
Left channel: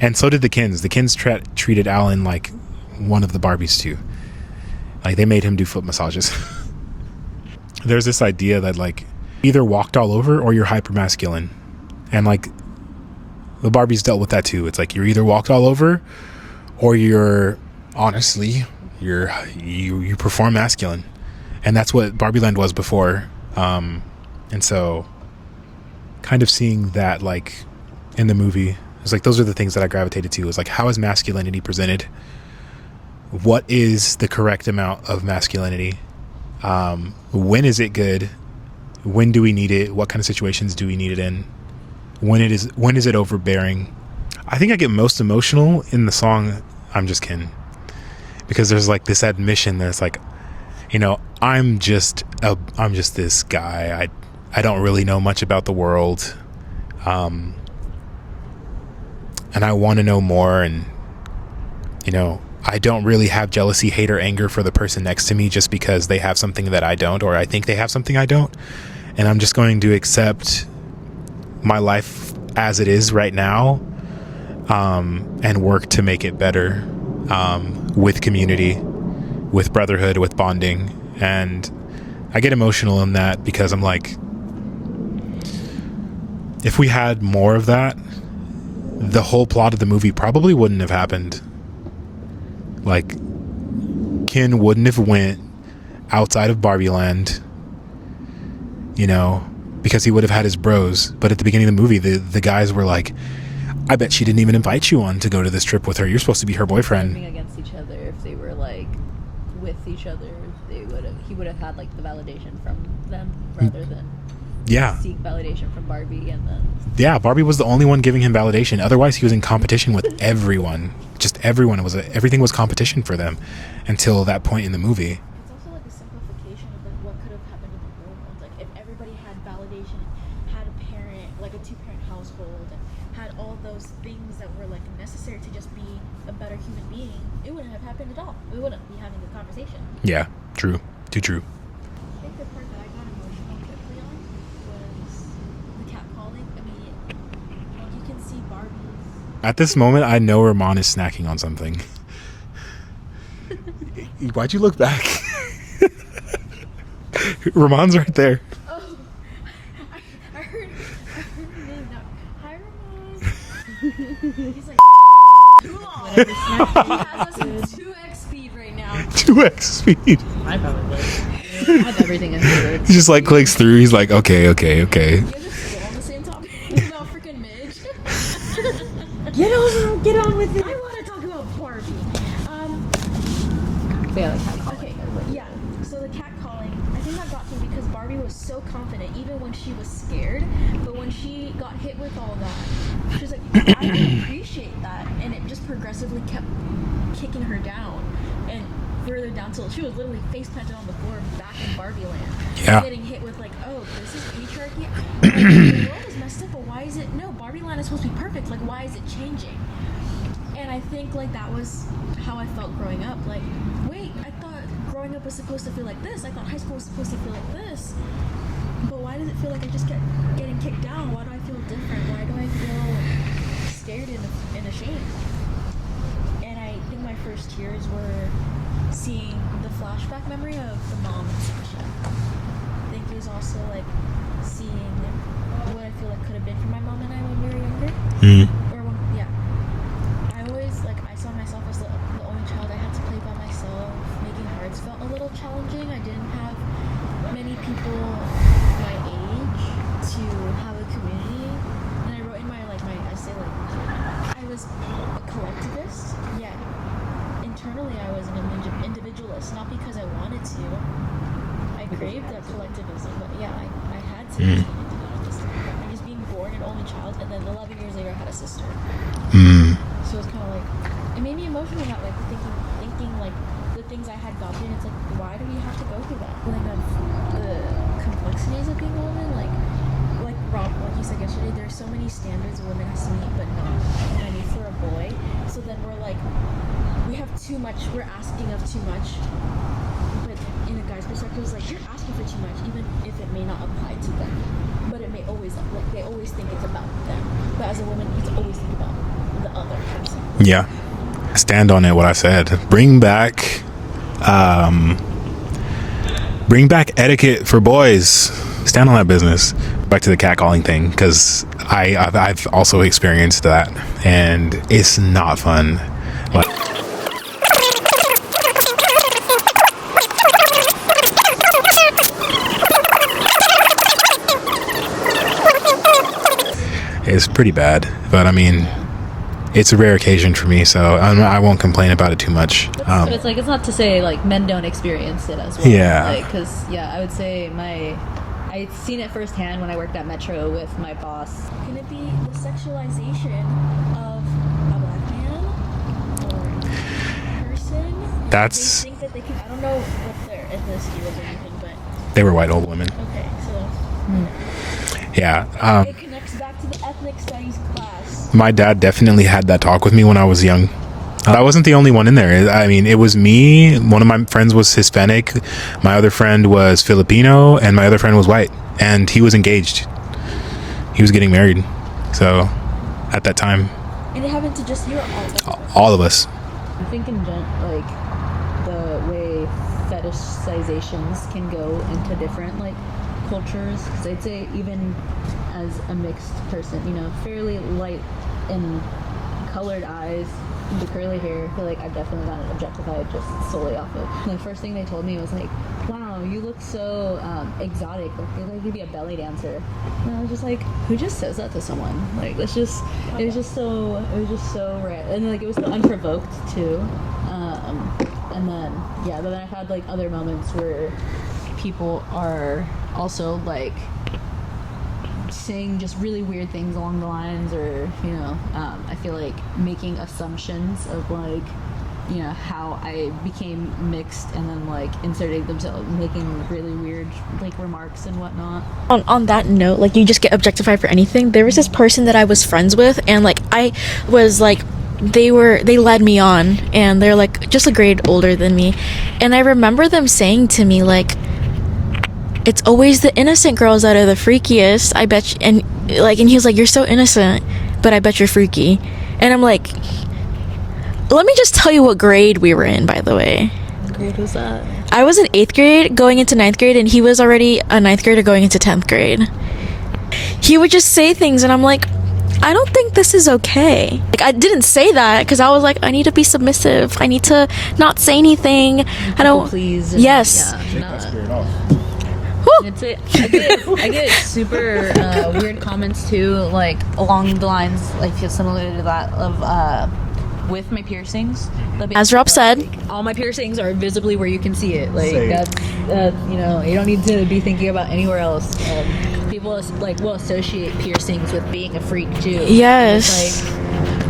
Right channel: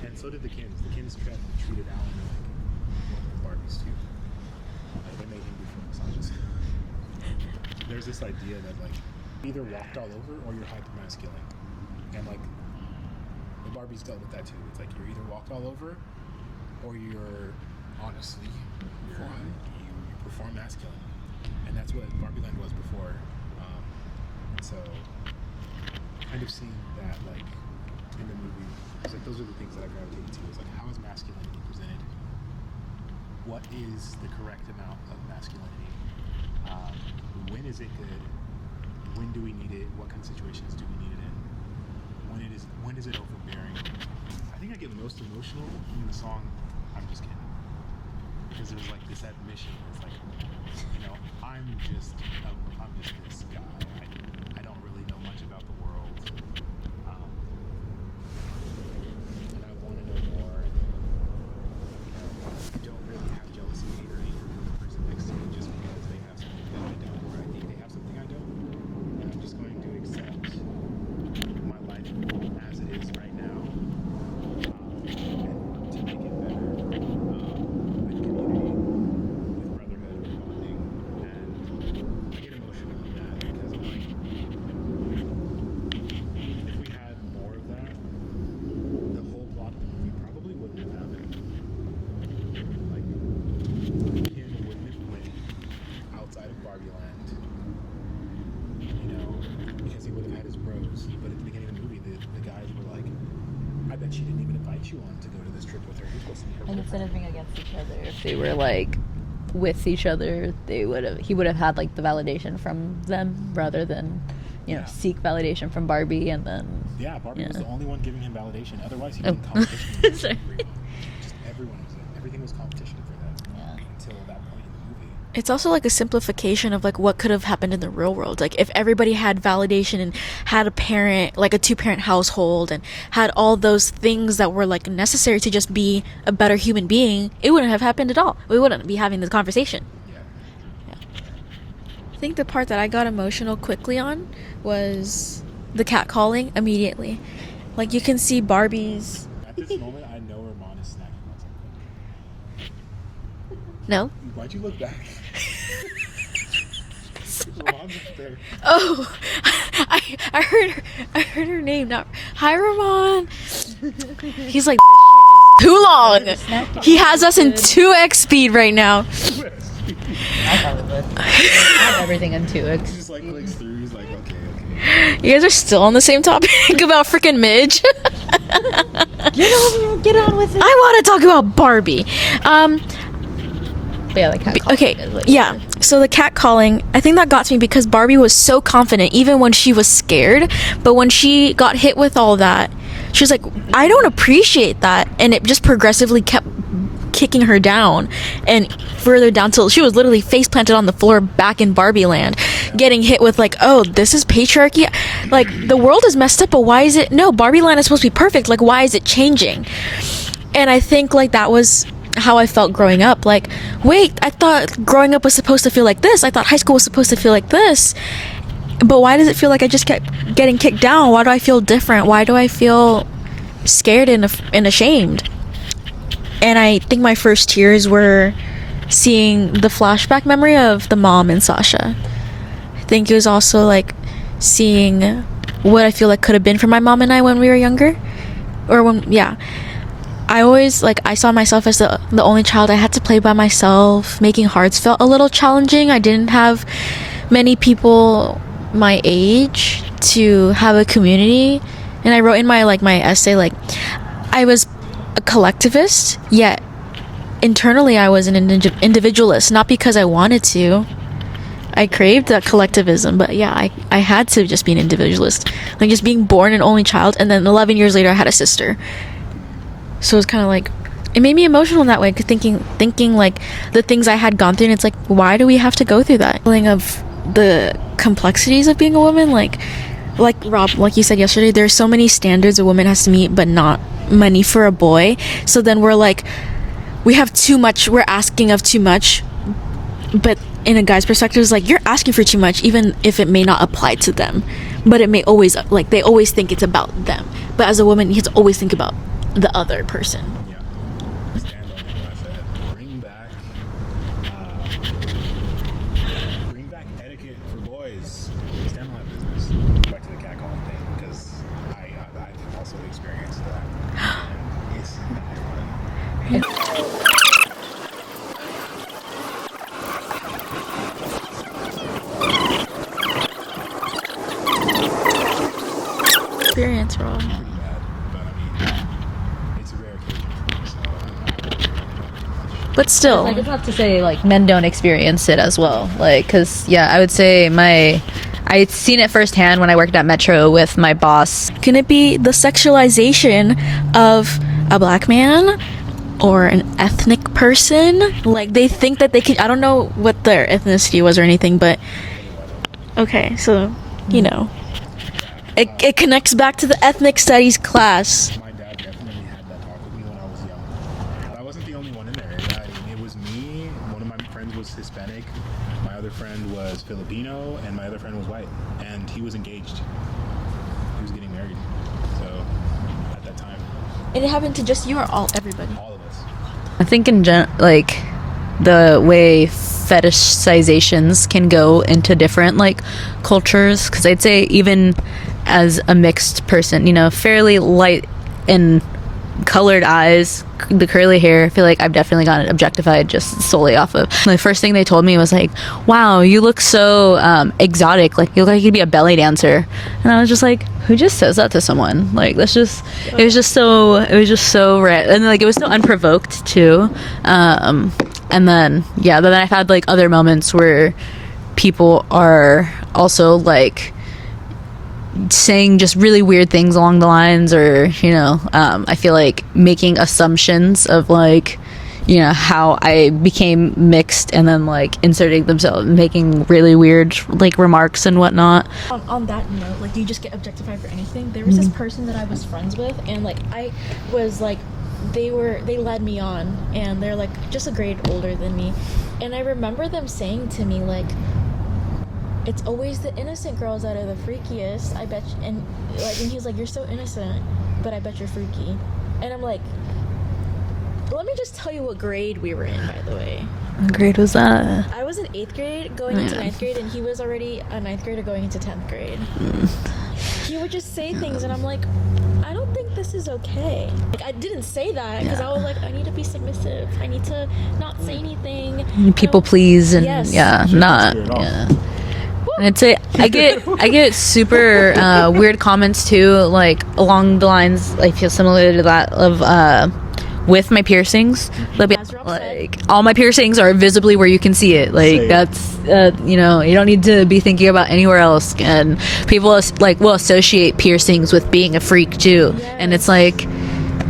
And so did the Kins. The Kins treated Alan like one of the Barbies too. Like they made him do foot massages. There's this idea that like either walked all over or you're hyper masculine. And like the Barbies dealt with that too. It's like you're either walked all over or you're honestly you perform masculine. And that's what Barbie Land was before. And so kind of seeing that like in the movie, it's like those are the things that I gravitated to. Is like, how is masculinity presented? What is the correct amount of masculinity? When is it good? When do we need it? What kind of situations do we need it in? When is it overbearing? I think I get most emotional in the song I'm Just Ken, because there's like this admission that it's like, you know, I'm just this guy. I don't really know much about the world, and I want to know more. And you know, I don't really have jealousy, hate, or anger for the person next to me just because they have something that I don't, or I think they have something I don't. And I'm just going to accept my life as it is right now, and work to make it better, with community, with brotherhood, with bonding. And I get emotional in that because I'm like, if we had more of that, the whole plot of the movie probably wouldn't have happened. Like, Ken wouldn't have went outside of Barbie Land, you know, because he would have had his bros. But at the beginning of the movie, the guys were like, I bet she didn't even invite you on to go to this trip with her. You're supposed to be her boyfriend. Against each other. If they were like with each other, he would have had like the validation from them rather than seek validation from Barbie. And then Barbie was the only one giving him validation. Otherwise he was in competition with everyone. Just everyone. Everything was competition for them until that point in the movie. It's also like a simplification of like what could have happened in the real world. Like if everybody had validation and had a parent, like a 2-parent household, and had all those things that were like necessary to just be a better human being, it wouldn't have happened at all. We wouldn't be having this conversation. Yeah, true. Too true. I think the part that I got emotional quickly on was the cat calling immediately. Like you can see Barbie's. At this moment, I know Ramon is snacking on something. No. Why'd you look back? Ramon's right there. Oh, I heard her name. Not hi, Ramon. He's like too long. He has us in 2x speed right now. 2x speed. I probably would. Have everything in here. He just like clicks through. He's like, okay. You guys are still on the same topic about freaking Midge. Get over it. Get on with it. I want to talk about Barbie. Yeah, like Okay, yeah. So the catcalling, I think that got to me because Barbie was so confident even when she was scared. But when she got hit with all that, she was like, I don't appreciate that. And it just progressively kept kicking her down and further down till she was literally face planted on the floor back in Barbie land, getting hit with like, oh, this is patriarchy. Like, the world is messed up, but why is it? No, Barbie land is supposed to be perfect. Like, why is it changing? And I think like that was how I felt growing up. Like, wait, I thought growing up was supposed to feel like this. I thought high school was supposed to feel like this. But why does it feel like I just kept getting kicked down? Why do I feel different? Why do I feel scared and ashamed? And I think my first tears were seeing the flashback memory of the mom and Sasha. I think it was also like seeing what I feel like could have been for my mom and I when we were younger. Or when, I always, like, I saw myself as the only child. I had to play by myself. Making hearts felt a little challenging. I didn't have many people my age to have a community. And I wrote in my essay, like, I was a collectivist, yet internally I was an individualist, not because I wanted to. I craved that collectivism, but yeah, I had to just be an individualist. Like, just being born an only child, and then 11 years later I had a sister. So it was kind of like, it made me emotional in that way, thinking like the things I had gone through, and it's like, why do we have to go through that? Feeling of the complexities of being a woman, like Rob, like you said yesterday, there's so many standards a woman has to meet, but not many for a boy. So then we're like, we have too much, we're asking of too much, but in a guy's perspective, it's like, you're asking for too much, even if it may not apply to them, but it may always, like, they always think it's about them. But as a woman, you have to always think about the other person. Yeah, stand on it. What I said. Bring back etiquette for boys. Stand on that business. Back to the catcalling thing, because I've also experienced that, and it's not fun. But it's pretty bad, but I mean, it's a rare occasion for me, so I won't complain about it too much. But still, it's not to say like men don't experience it as well. Yeah. Like, because I would say I'd seen it firsthand when I worked at Metro with my boss. can it be the sexualization of a black man or an ethnic person? Like, they think that they can, I don't know what their ethnicity was or anything, but They were white old women. okay, so you know, Yeah. it connects back to the ethnic studies class. My dad definitely had that talk with me when I was young. I wasn't the only one in there. I mean, it was me. One of my friends was Hispanic. My other friend was Filipino, and my other friend was white. And he was engaged. He was getting married. So, at that time, And it happened to just you or everybody? all of us. I think like the way fetishizations can go into different like cultures, because I'd say even as a mixed person, fairly light and colored eyes, the curly hair, I feel like I've definitely gotten objectified just solely off of. The first thing they told me was like, wow, you look so exotic, like you look like you'd be a belly dancer. And I was just like, who just says that to someone? Like, it was just so rare, and like it was so unprovoked too. And then I've had like other moments where people are also like saying just really weird things along the lines, or I feel like making assumptions of like how I became mixed, and then like inserting themselves, making really weird like remarks and whatnot. On that note, like, you just get objectified for anything. There was this person that I was friends with, and like I was like, they led me on, and they're like just a grade older than me, and I remember them saying to me like, it's always the innocent girls that are the freakiest, I bet you. And he was like, you're so innocent, but I bet you're freaky. And I'm like, let me just tell you what grade we were in, by the way. What grade was that? I was in 8th grade going into 9th grade, and he was already a 9th grader going into 10th grade. He would just say things, and I'm like, I don't think this is okay. Like, I didn't say that because I was like, I need to be submissive. I need to not say anything. People please. And, yes. Yeah. Not. Not at all. Yeah. And I get super weird comments too, like along the lines I feel similar to that of with my piercings. As Rob said, all my piercings are visibly where you can see it. Like Same. that's you know, you don't need to be thinking about anywhere else. And people like will associate piercings with being a freak too. And it's like,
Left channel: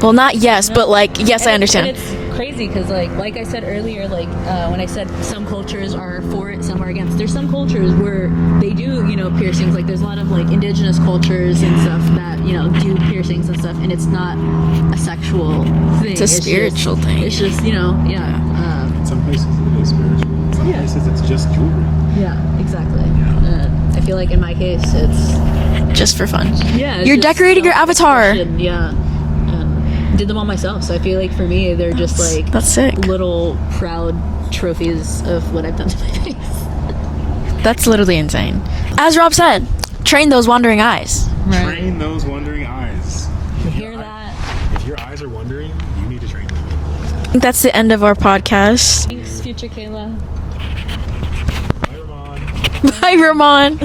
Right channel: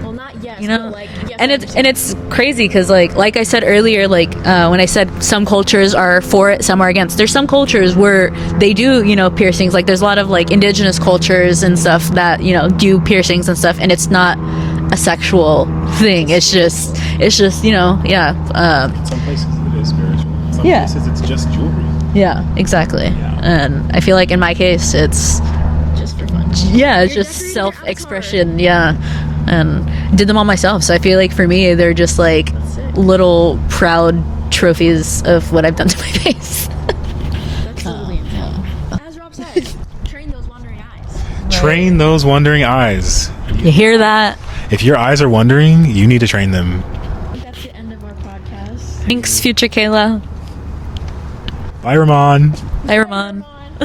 well, not yes, you know? but like yes, I understand. And it's crazy because like I said earlier, like when I said some cultures are for it, some are against. There's some cultures where they do, you know, piercings. Like there's a lot of like indigenous cultures and stuff that, you know, do piercings and stuff, and it's not a sexual thing. It's It's just, you know, Some places it is spiritual. Some places it's just jewelry. yeah, exactly. Yeah. And I feel like in my case, it's just for fun. yeah, it's You're just decorating your avatar. self-expression, yeah, and did them all myself. So I feel like for me, they're just like That's sick. little proud trophies of what I've done to my face. That's literally insane. As Rob said, train those wandering eyes. Train those wandering eyes. You hear that? If your eyes are wandering, you need to train them. I think that's the end of our podcast. Thanks, future Kayla. Bye, Ramon. Bye, Bye, Ramon.